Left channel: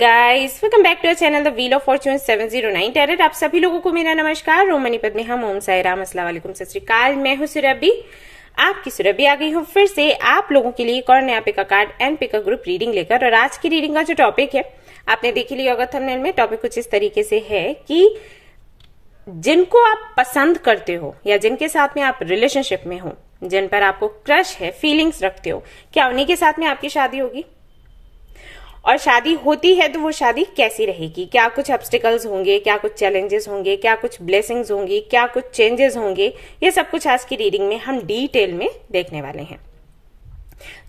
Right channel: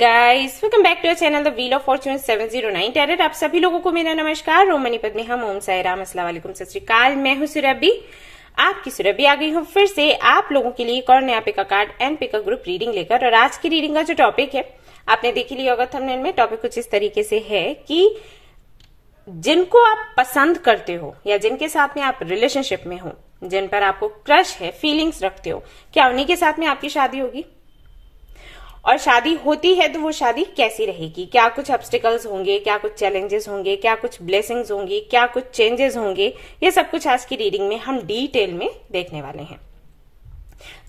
Guys, welcome back to our channel the wheel of fortune 709 tarot. आप सभी लोगों को मेरा नमस्कार। रोम मणिपत में हम ओम साई राम, अस्सलाम वालेकुम, सत श्री अकाल। मैं हूं सुरभि, आपकी सुरभि आ गई हूं फिर से आप लोगों के लिए एक और नया pick a card and pick a group reading लेकर। और आज की रीडिंग का जो टॉपिक है आपने देख लिया होगा थंबनेल में। टॉपिक कुछ इस तरीके से है कि जिनको आप पसंद करते हो या जिनके साथ में आप रिलेशनशिप में हो, जिन पर आपको क्रश है, फीलिंग्स रखते हो, क्या उन्हीं के साथ में आपकी शादी होगी? और शादी होती है तो वो शादी कैसी रहेगी? क्या कुछ ऑब्स्टिकल्स होंगे, क्या कुछ चैलेंजेस होंगे, क्या कुछ ब्लेसिंग्स होंगी, क्या कुछ चेंजेस होंगे? ये सब कुछ आज की रीडिंग में हम डिटेल में देखने वाले हैं।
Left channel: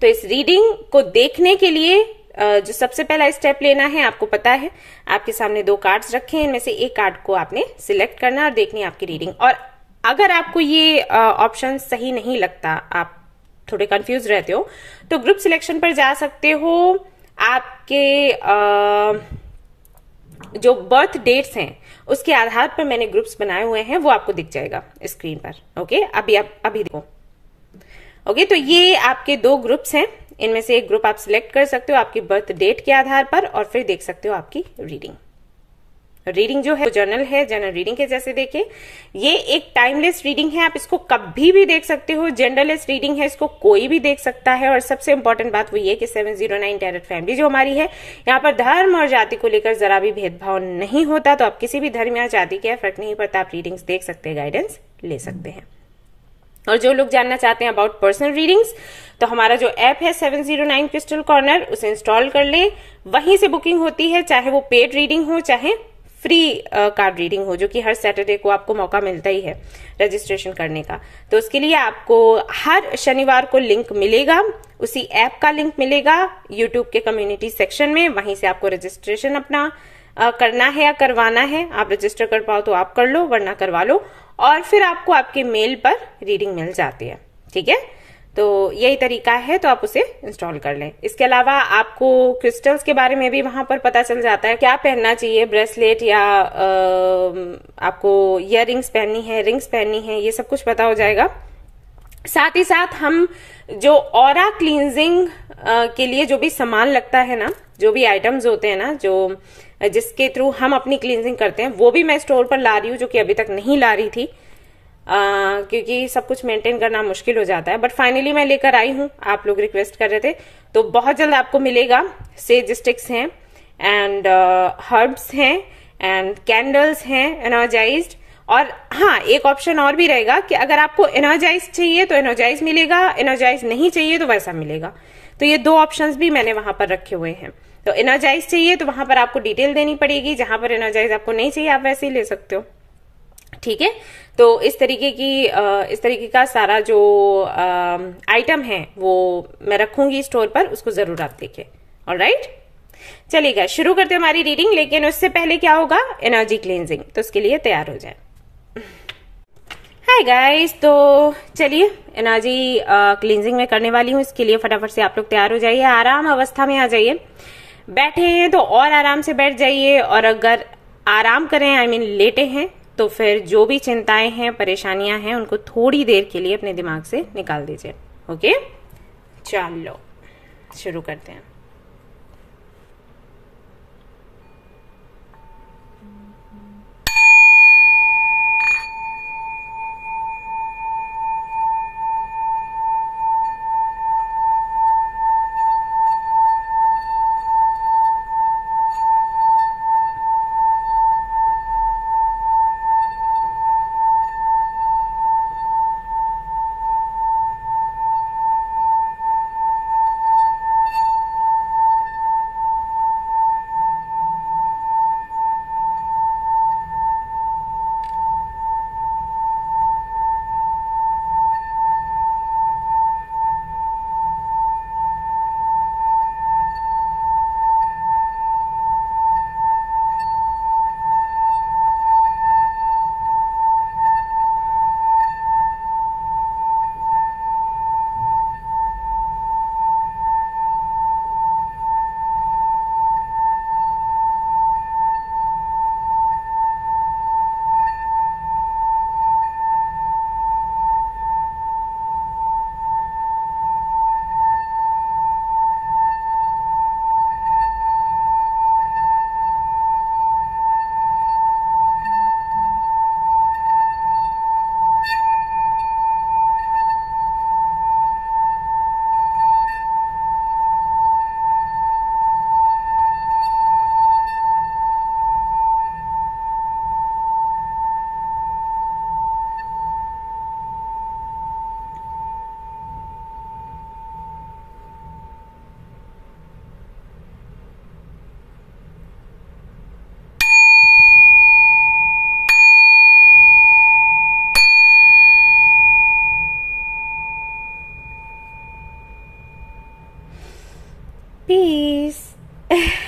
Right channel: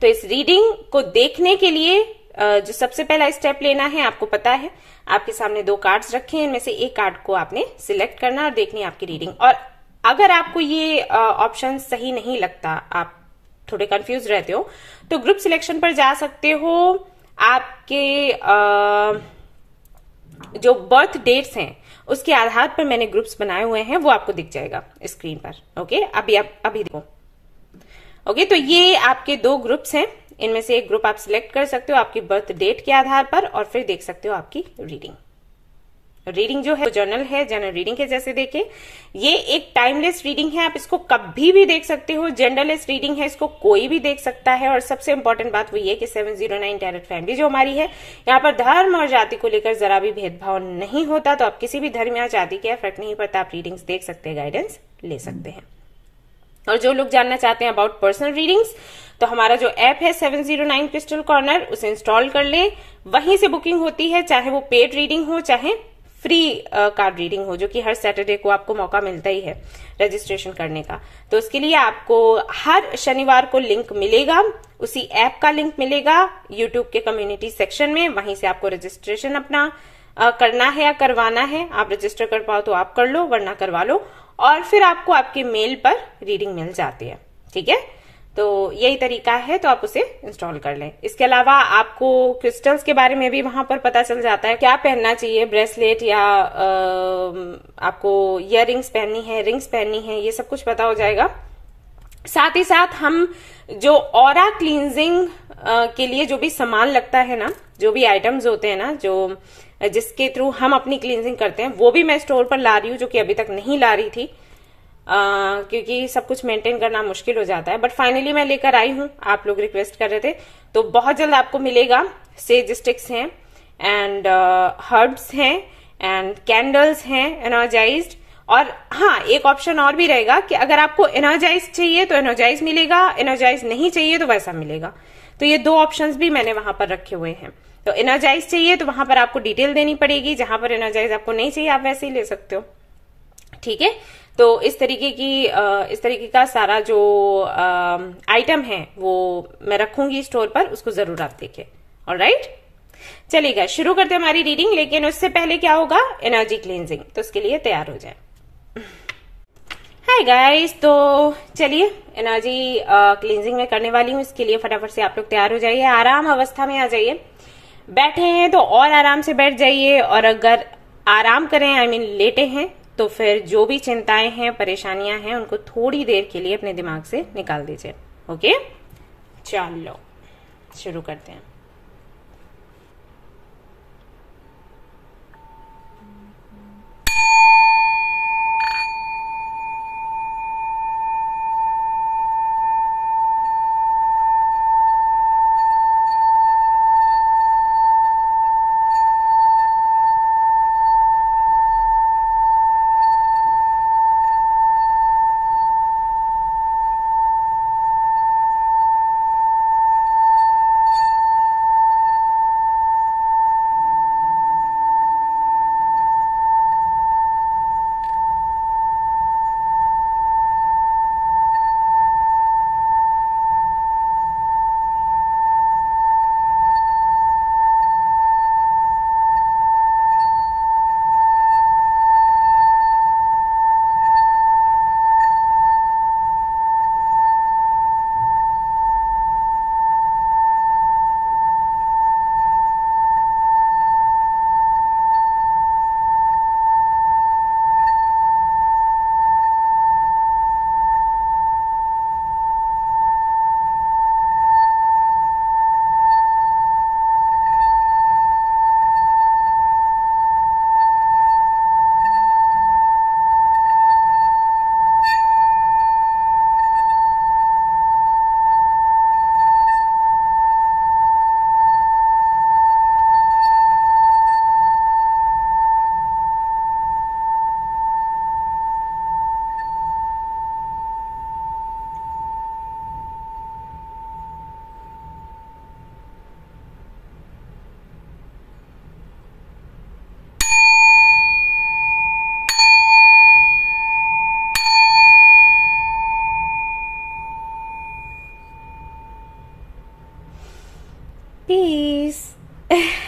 तो इस रीडिंग को देखने के लिए जो सबसे पहला स्टेप लेना है, आपको पता है आपके सामने दो कार्ड्स रखे हैं, इनमें से एक कार्ड को आपने सिलेक्ट करना और देखनी है आपकी रीडिंग। और अगर आपको ये ऑप्शन सही नहीं लगता, आप थोड़े कंफ्यूज रहते हो, तो ग्रुप सिलेक्शन पर जा सकते हो। आपके जो बर्थ डेट्स हैं उसके आधार पर मैंने ग्रुप्स बनाए हुए हैं, वो आपको दिख जाएगा स्क्रीन पर। ओके, अभी देखो। ओके, तो ये आपके दो ग्रुप्स हैं, इनमें से एक ग्रुप आप सिलेक्ट कर सकते हो आपकी बर्थ डेट के आधार पर और फिर देख सकते हो आपकी रीडिंग। रीडिंग जो है जर्नल है, जर्नल रीडिंग के जैसे देखे। ये एक टाइमलेस रीडिंग है, आप इसको कभी भी देख सकते हो। जेंडरलेस रीडिंग है, इसको कोई भी देख सकता है। और सबसे इंपॉर्टेंट बात वो ये कि 709 टैरेट फैमिली जो हमारी है, यहाँ पर धर्म और जाति को लेकर जरा भी भेदभाव नहीं होता। तो आप किसी भी धर्म या जाति के फर्क नहीं पड़ता, आप रीडिंग्स देख सकते हैं, गाइडेंस ले सकते हैं। और जो लोग जानना चाहते हैं अबाउट पर्सनल रीडिंग्स, तो हमारा जो ऐप है 709 क्रिस्टल कॉर्नर, उसे इंस्टॉल कर लें। वहीं से बुकिंग होती है, चाहे वो पेड रीडिंग हो चाहे फ्री कार्ड रीडिंग हो, जो कि हर सैटरडे को आपको मौका मिलता ही है रजिस्ट्रेशन करने का। तो उसके लिए आपको हर शनिवार को लिंक मिलेगा, उसी ऐप का लिंक मिलेगा यूट्यूब के कम्युनिटी सेक्शन में। वहीं से आपको रजिस्ट्रेशन अपना करना है या करवाना है। आप रजिस्टर कर पाओ तो आप कर लो, वरना करवा लो, और फिर आपको आपके मेल पर रीडिंग मिल जाती है। ठीक है, तो यही तरीका है, तो आप उसे इंस्टॉल कर लें। इसके अलावा आपको क्रिस्टल्स के बारे में भी वहां पर पता चल जाता है, क्या पहनना चाहिए, ब्रेसलेट या आपको इयररिंग्स पहननी है, रिंग्स पहननी है, ये सब कुछ पता हो जाएगा। साथ ही साथ हम जो ऑरा क्लींजिंग के लिए जो भी सामान लगता है ना, जो भी आइटम्स होते हैं ना, जो जिसके थ्रू हम अपनी क्लींजिंग करते हैं, वो भी मैं स्टोर पर ला रही हूँ, जो कि अभी तक नहीं ला रही थी क्योंकि सब कुछ मेंटेन करना मुश्किल हो जाता है। बट फाइनली मैं लेकर आई हूँ, आप लोग रिक्वेस्ट कर रहे थे, तो बहुत जल्द आपको मिलेगा। सेज स्टिक्स हैं एंड हर्ब्स हैं एंड कैंडल्स हैं एनर्जाइज्ड। और हाँ, एक ऑप्शन और भी रहेगा कि अगर आपको एनर्जाइज चाहिए तो एनर्जाइज मिलेगा, एनर्जाइज नहीं चाहिए तो वैसा मिलेगा। तो ये दो ऑप्शंस भी मैंने वहां पर रखे हुए हैं। तो एनर्जाइज चाहिए तो वहां पर आपको डिटेल देनी पड़ेगी, जहां पर एनर्जाइज आपको नहीं चाहिए आप वैसे ही ले सकते हो। ठीक है, तो इस तरीके का सारा जो आइटम है वो मैं रखूंगी स्टोर पर, उसको जरूर आप देखें। ऑलराइट, चलिएगा शुरू करते हैं हमारी रीडिंग। लेकिन उससे पहले क्या होगा, एनर्जी क्लींजिंग, तो उसके लिए तैयार हो जाए। हाय गाइस, तो चलिए एनर्जी क्लींजिंग में करने वाली हूँ। इसके लिए फटाफट से आप लोग तैयार हो जाइए, आराम अवस्था में आ जाइए। बैठे हैं तो और आराम से बैठ जाइए, और अगर आराम करें आई मीन लेटे हैं, तो फिर जो भी चिंताएं हैं, परेशानियां हैं, उनको थोड़ी देर के लिए अपने दिमाग से निकाल दीजिए। ओके, चलो शुरू करते हैं।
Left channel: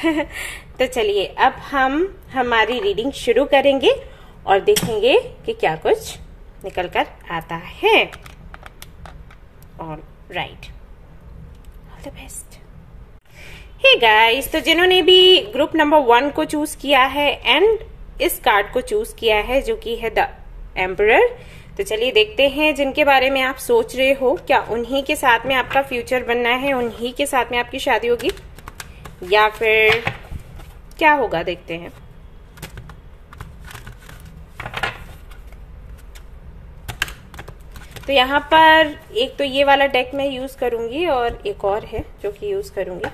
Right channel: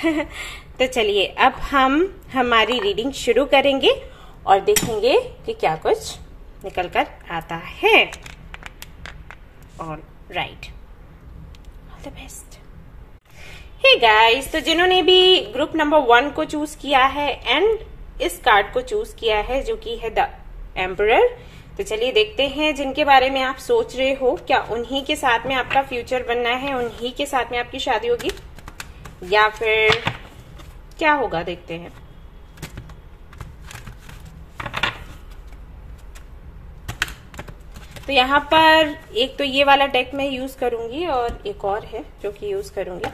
तो चलिए अब हम हमारी रीडिंग शुरू करेंगे और देखेंगे कि क्या कुछ निकल कर आता है। All right, all the best. Hey guys, तो जिन्होंने भी ग्रुप नंबर 1 को चूज किया है एंड इस कार्ड को चूज किया है जो कि है द एम्परर, तो चलिए देखते हैं जिनके बारे में आप सोच रहे हो, क्या उन्हीं के साथ में आपका फ्यूचर बनना है, उन्हीं के साथ में आपकी शादी होगी या फिर क्या होगा, देखते हैं। तो यहाँ पर एक तो ये वाला डेक मैं यूज करूंगी और एक और है जो कि यूज करूंगी,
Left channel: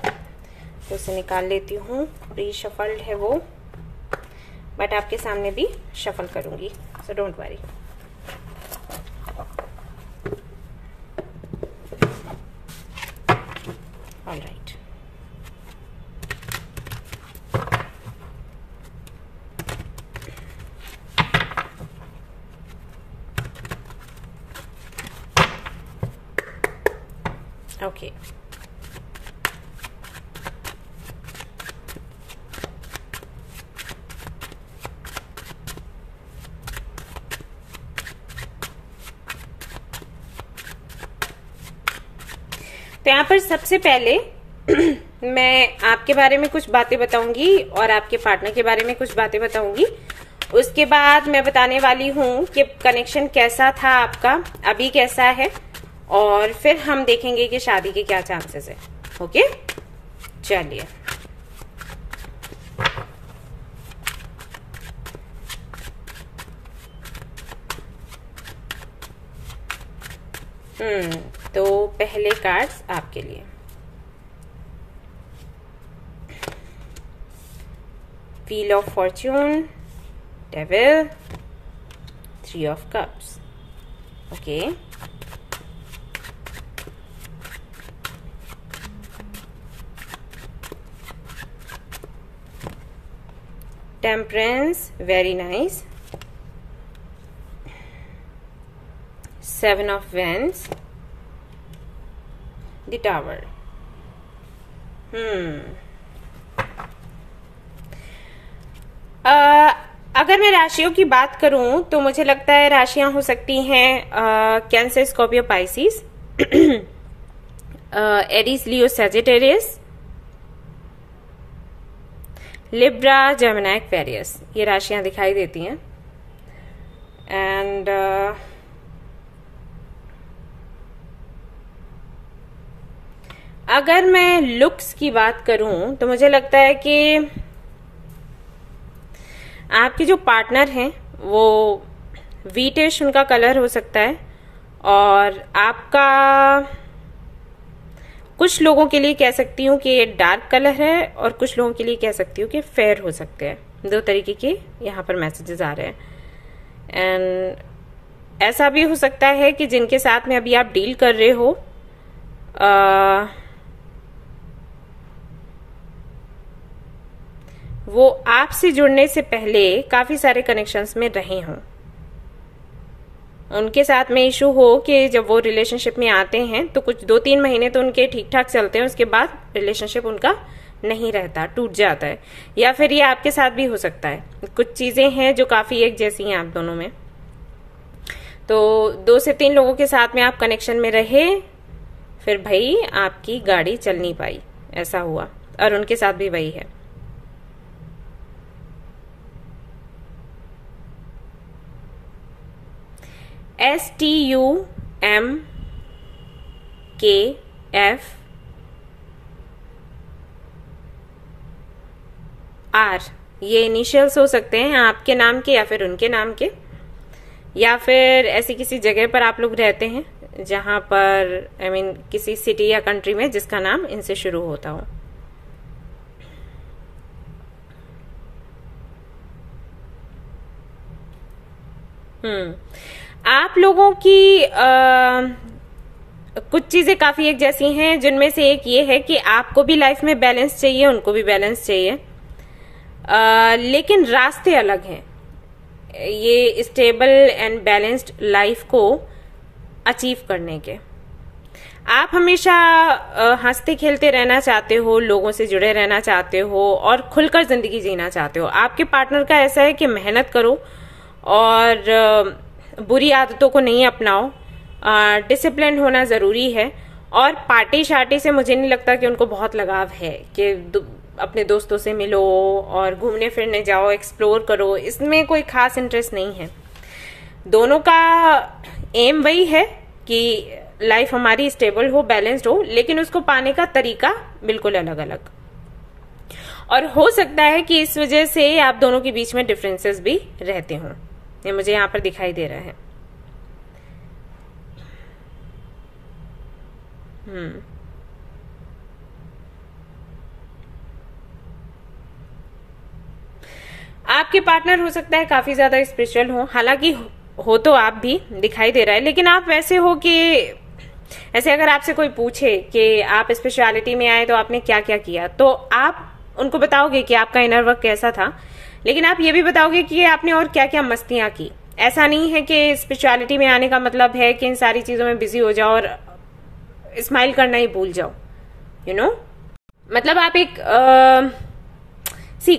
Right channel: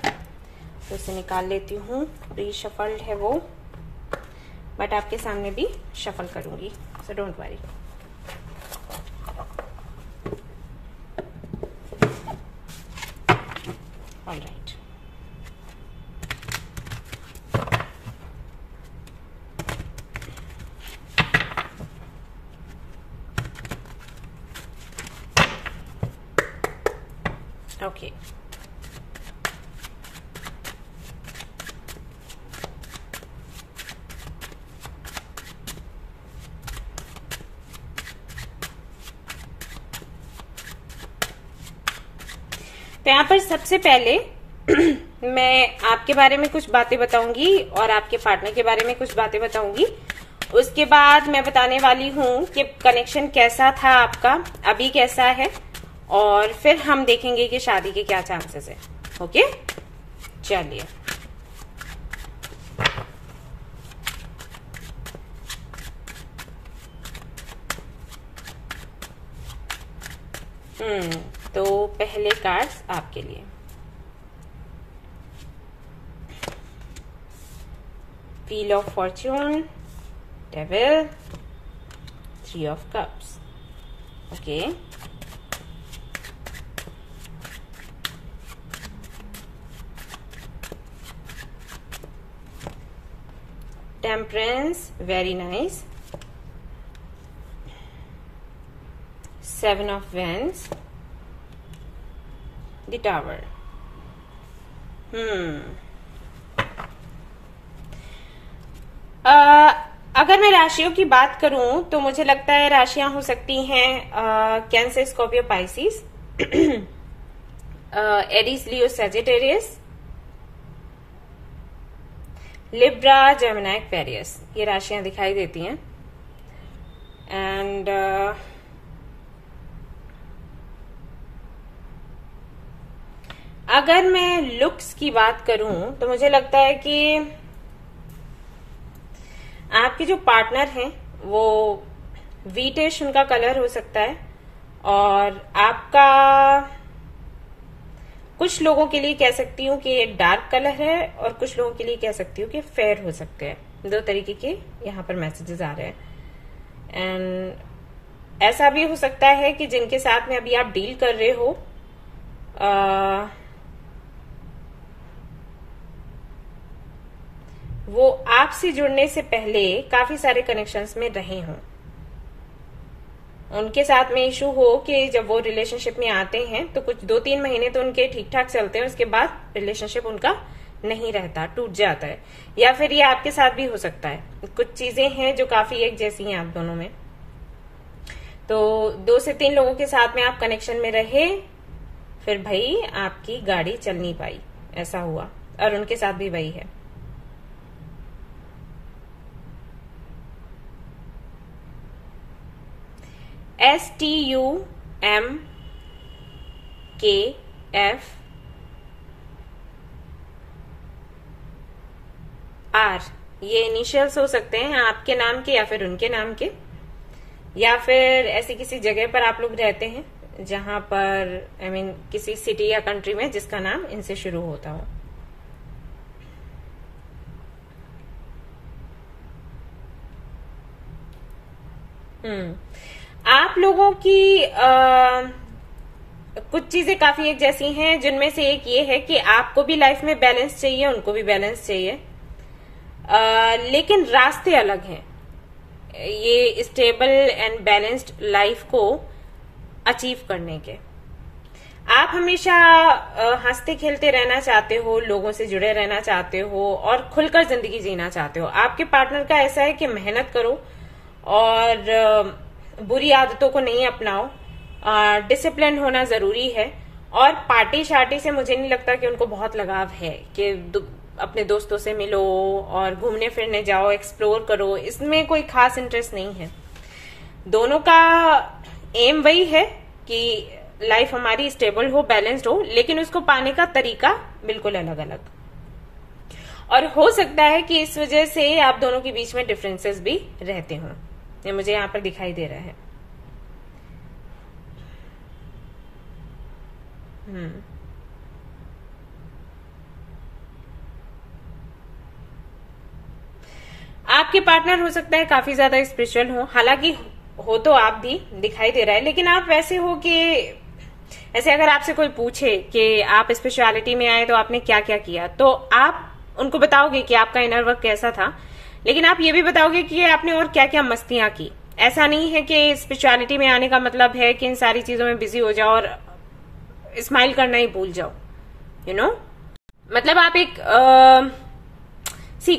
तो इसे निकाल लेती हूँ। रीशफल्ड है वो, बट आपके सामने भी शफल करूंगी, so don't worry. All right, okay. तो यहाँ पर सबसे पहले मैं आपके बारे में कुछ बातें बताऊंगी और आपके पार्टनर के बारे में कुछ बातें बताऊंगी। उसके बाद मैं बताने वाली हूँ कि कनेक्शन कैसा था आपका, अभी कैसा है, और फिर हम देखेंगे कि शादी के क्या चांसेस है। ओके, चलिए। तो पहले कार्ड्स आपके लिए। Wheel of Fortune, devil, 3 of cups. Okay, temperance, very nice. 7 of Wands, the Tower। अगर मैं राशियों की बात करूं तो मुझे लगता है राशियां हो सकती हैं कैंसर, स्कॉर्पियो, पाइसिस, एरीज, लियो, सैजिटेरियस, लिब्रा, जेमिनी, एक्वेरियस, ये राशियां दिखाई देती हैं। एंड अगर मैं लुक्स की बात करूं तो मुझे लगता है कि आपके जो पार्टनर हैं वो व्हीटिश उनका कलर हो सकता है, और आपका कुछ लोगों के लिए कह सकती हूँ कि डार्क कलर है और कुछ लोगों के लिए कह सकती हूँ कि फेयर हो सकते हैं। 2 तरीके के यहाँ पर मैसेजेस आ रहे हैं। एंड ऐसा भी हो सकता है कि जिनके साथ में अभी आप डील कर रहे हो वो आपसे जुड़ने से पहले काफी सारे कनेक्शंस में रहे हों, उनके साथ में इशू हो कि जब वो रिलेशनशिप में आते हैं तो कुछ 2-3 महीने तो उनके ठीक ठाक चलते हैं, उसके बाद रिलेशनशिप उनका नहीं रहता, टूट जाता है। या फिर ये आपके साथ भी हो सकता है, कुछ चीजें हैं जो काफी एक जैसी हैं आप दोनों में। तो 2 से 3 लोगों के साथ में आप कनेक्शन में रहे, फिर भाई आपकी गाड़ी चल नहीं पाई, ऐसा हुआ, और उनके साथ भी वही है। STUMKFR, ये इनिशियल्स हो सकते हैं आपके नाम के या फिर उनके नाम के, या फिर ऐसी किसी जगह पर आप लोग रहते हैं जहां पर I mean, किसी सिटी या कंट्री में जिसका नाम इनसे शुरू होता हो। आप लोगों की कुछ चीजें काफी एक जैसी हैं, जिनमें से एक ये है कि आपको भी लाइफ में बैलेंस चाहिए, उनको भी बैलेंस चाहिए, लेकिन रास्ते अलग हैं। ये स्टेबल एंड बैलेंस्ड लाइफ को अचीव करने के आप हमेशा हंसते खेलते रहना चाहते हो, लोगों से जुड़े रहना चाहते हो और खुलकर जिंदगी जीना चाहते हो। आपके पार्टनर का ऐसा है कि मेहनत करो और बुरी आदतों को नहीं अपनाओ, डिसिप्लिन होना जरूरी है। और पार्टी शार्टी से मुझे नहीं लगता कि उनको बहुत लगाव है कि अपने दोस्तों से मिलो और घूमने फिरने जाओ, एक्सप्लोर करो, इसमें कोई खास इंटरेस्ट नहीं है। दोनों का एम वही है कि लाइफ हमारी स्टेबल हो, बैलेंस्ड हो, लेकिन उसको पाने का तरीका बिल्कुल अलग अलग। और हो सकता है कि इस वजह से आप दोनों के बीच में डिफरेंसेस भी रहते हों। ये मुझे यहां पर दिखाई दे रहा है। आपके पार्टनर हो सकता है काफी ज्यादा स्पिरिचुअल हो, हालांकि हो तो आप भी, दिखाई दे रहा है, लेकिन आप वैसे हो कि ऐसे अगर आपसे कोई पूछे कि आप स्पिरिचुअलिटी में आए तो आपने क्या क्या किया, तो आप उनको बताओगे कि आपका इनर वर्क कैसा था, लेकिन आप ये भी बताओगे कि आपने और क्या क्या मस्तियां की। ऐसा नहीं है कि स्पिरिचुअलिटी में आने का मतलब है कि इन सारी चीजों में बिजी हो जाओ और स्माइल करना ही भूल जाओ, यू नो। मतलब आप एक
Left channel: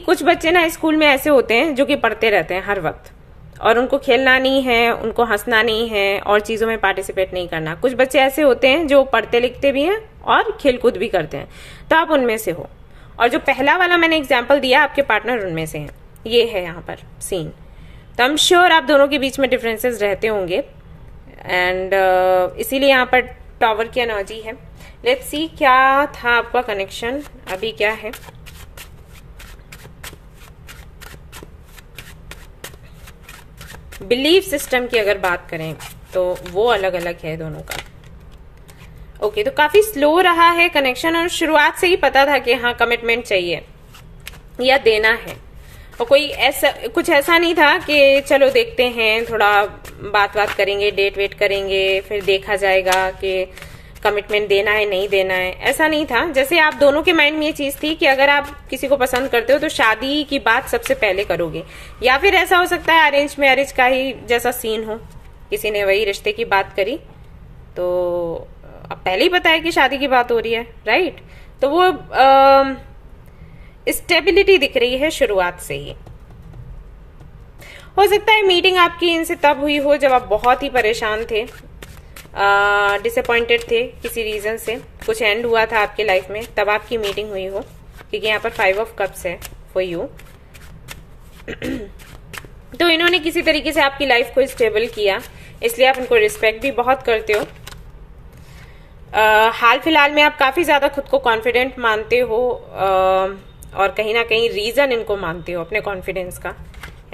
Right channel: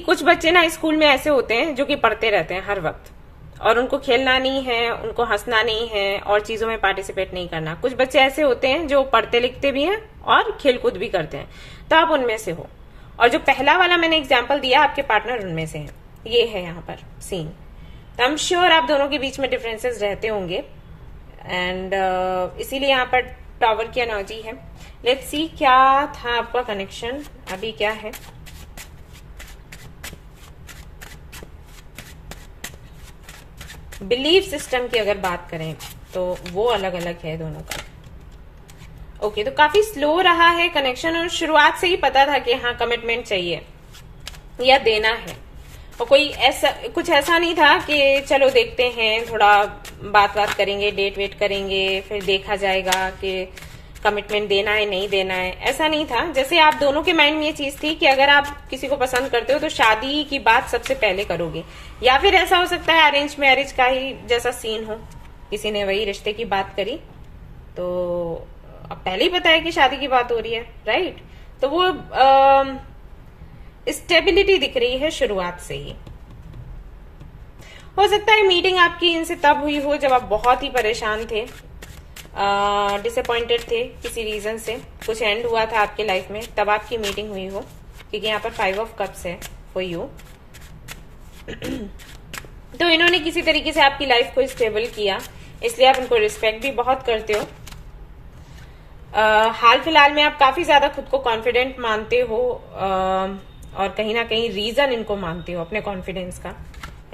कुछ बच्चे ना स्कूल में ऐसे होते हैं जो कि पढ़ते रहते हैं हर वक्त, और उनको खेलना नहीं है, उनको हंसना नहीं है और चीजों में पार्टिसिपेट नहीं करना। कुछ बच्चे ऐसे होते हैं जो पढ़ते लिखते भी हैं और खेलकूद भी करते हैं, तो आप उनमें से हो। और जो पहला वाला मैंने एग्जाम्पल दिया, आपके पार्टनर उनमें से हैं। ये है यहाँ पर सीन। तो आई एम श्योर आप दोनों के बीच में डिफरेंसेस रहते होंगे, एंड इसीलिए यहाँ पर टावर की एनर्जी है। लेट्स सी क्या था आपका कनेक्शन, अभी क्या है। बिलीफ सिस्टम की अगर बात करें तो वो अलग अलग है दोनों का। ओके, तो काफी स्लो रहा है कनेक्शन, और शुरुआत से ही पता था कि हाँ कमिटमेंट चाहिए या देना है, और कोई ऐसा कुछ ऐसा नहीं था कि चलो देखते हैं, थोड़ा बात करेंगे, डेट वेट करेंगे, फिर देखा जाएगा कि कमिटमेंट देना है नहीं देना है। ऐसा नहीं था। जैसे आप दोनों के माइंड में ये चीज थी कि अगर आप किसी को पसंद करते हो तो शादी की बात सबसे पहले करोगे, या फिर ऐसा हो सकता है अरेंज मैरिज का ही जैसा सीन हो, किसी ने वही रिश्ते की बात करी तो अब पहले ही पता है कि शादी की बात हो रही है, राइट। तो वो स्टेबिलिटी दिख रही है शुरुआत से ही। हो सकता है मीटिंग आपकी इनसे तब हुई हो जब आप बहुत ही परेशान थे, डिसअपॉइंटेड थे, किसी रीजन से कुछ एंड हुआ था आपकी लाइफ में, तब आपकी मीटिंग हुई हो, क्योंकि यहाँ पर 5 ऑफ कप्स है फॉर यू। तो इन्होंने किसी तरीके से आपकी लाइफ को स्टेबल किया, इसलिए आप इनको रिस्पेक्ट भी बहुत करते हो। हाल फिलहाल में आप काफी ज्यादा खुद को कॉन्फिडेंट मानते हो, और कहीं ना कहीं रीजन इनको मानते हो अपने कॉन्फिडेंस का,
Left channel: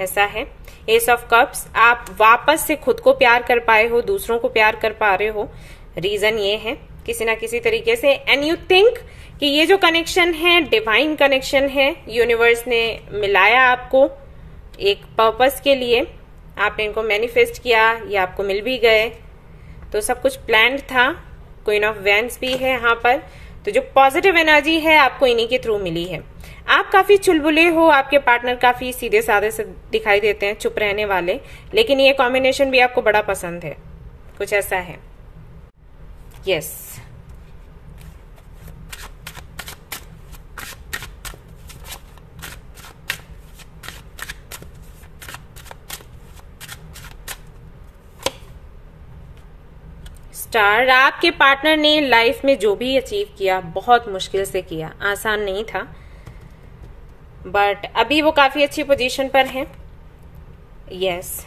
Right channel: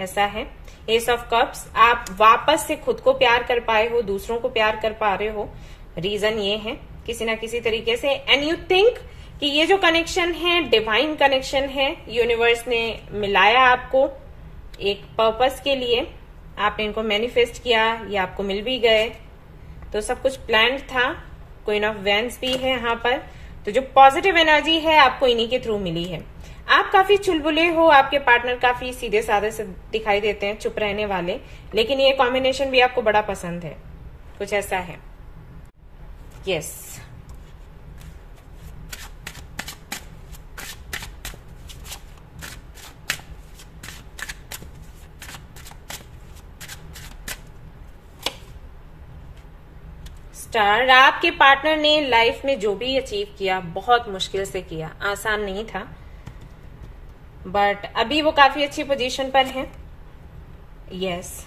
ऐसा है। एस ऑफ कप्स, आप वापस से खुद को प्यार कर पाए हो, दूसरों को प्यार कर पा रहे हो, रीजन ये है किसी ना किसी तरीके से। एंड यू थिंक कि ये जो कनेक्शन है डिवाइन कनेक्शन है, यूनिवर्स ने मिलाया आपको एक पर्पस के लिए, आपने इनको मैनिफेस्ट किया, ये आपको मिल भी गए, तो सब कुछ प्लान्ड था। क्वीन ऑफ वैंड्स भी है यहाँ पर, तो जो पॉजिटिव एनर्जी है आपको इन्हीं के थ्रू मिली है। आप काफी चुलबुले हो, आपके पार्टनर काफी सीधे साधे से दिखाई देते हैं, चुप रहने वाले, लेकिन ये कॉम्बिनेशन भी आपको बड़ा पसंद है, कुछ ऐसा है। यस, स्टार, आपके पार्टनर ने लाइफ में जो भी अचीव किया बहुत मुश्किल से किया, आसान नहीं था, बट अभी वो काफी अच्छी पोजीशन पर है। यस,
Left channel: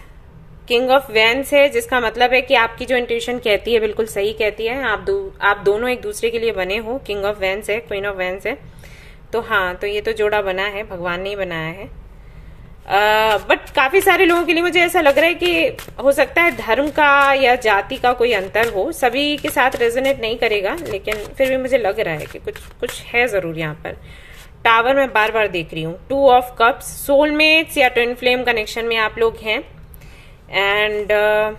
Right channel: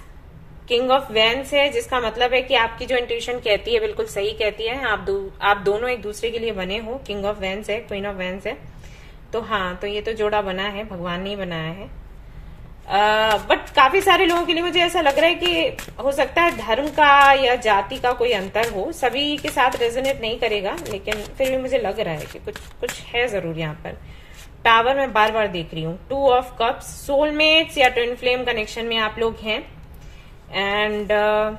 किंग ऑफ वैंड्स है, जिसका मतलब है कि आपकी जो इंट्यूशन कहती है बिल्कुल सही कहती है। आप दोनों एक दूसरे के लिए बने हो। किंग ऑफ वैंड्स है, क्वीन ऑफ वैंड्स है, तो हाँ, तो ये तो जोड़ा बना है, भगवान ने ही बनाया है। बट काफी सारे लोगों के लिए मुझे ऐसा लग रहा है कि हो सकता है धर्म का या जाति का कोई अंतर हो, सभी के साथ रेजोनेट नहीं करेगा, लेकिन फिर भी मुझे लग रहा है कि कुछ है जरूर यहाँ पर। टावर मैं बार बार देख रही हूँ। 2 ऑफ कप्स, सोलमेट्स या ट्विन फ्लेम कनेक्शन में आप लोग हैं, एंड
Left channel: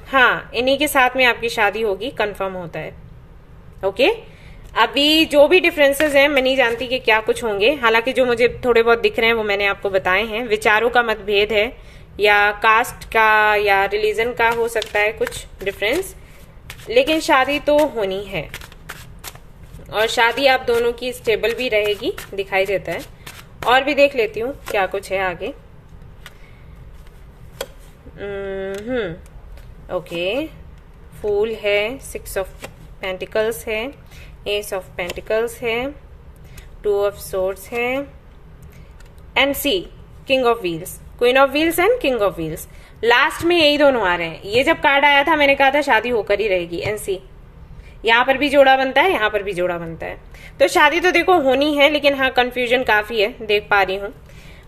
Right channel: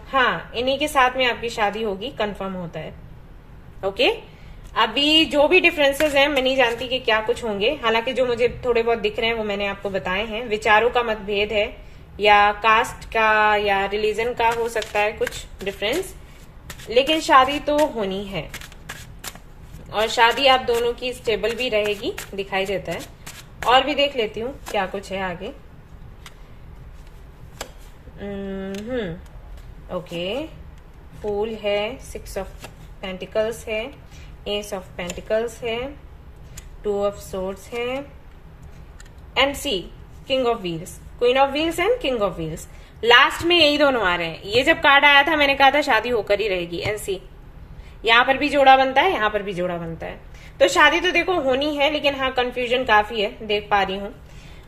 हाँ, इन्हीं के साथ में आपकी शादी होगी, कंफर्म होता है। ओके, अभी जो भी डिफरेंसेस हैं मैं नहीं जानती कि क्या कुछ होंगे, हालांकि जो मुझे थोड़े बहुत दिख रहे हैं वो मैंने आपको बताए हैं। विचारों का मतभेद है, या कास्ट का या रिलीजन का हो सकता है कुछ डिफरेंस, लेकिन शादी तो होनी है। और शादी आप दोनों की स्टेबल भी रहेगी, दिखाई देता है। और भी देख लेती हूँ क्या कुछ है आगे। ओके, फूल है, 6 ऑफ पेंटिकल्स है, एस ऑफ पेंटिकल्स है, 2 ऑफ सोर्ड्स है, and see king of wheels, queen of wheels and king of wheels. Last में यही दोनों आ रहे हैं। ये जब कार्ड आया था मैंने कहा था शादी होकर ही रहेगी। एंड सी, यहाँ पर भी जोड़ा बनता है, यहाँ पर भी जोड़ा बनता है। तो शादी तो देखो होनी है, लेकिन हाँ कंफ्यूजन काफी है, देख पा रही हूँ।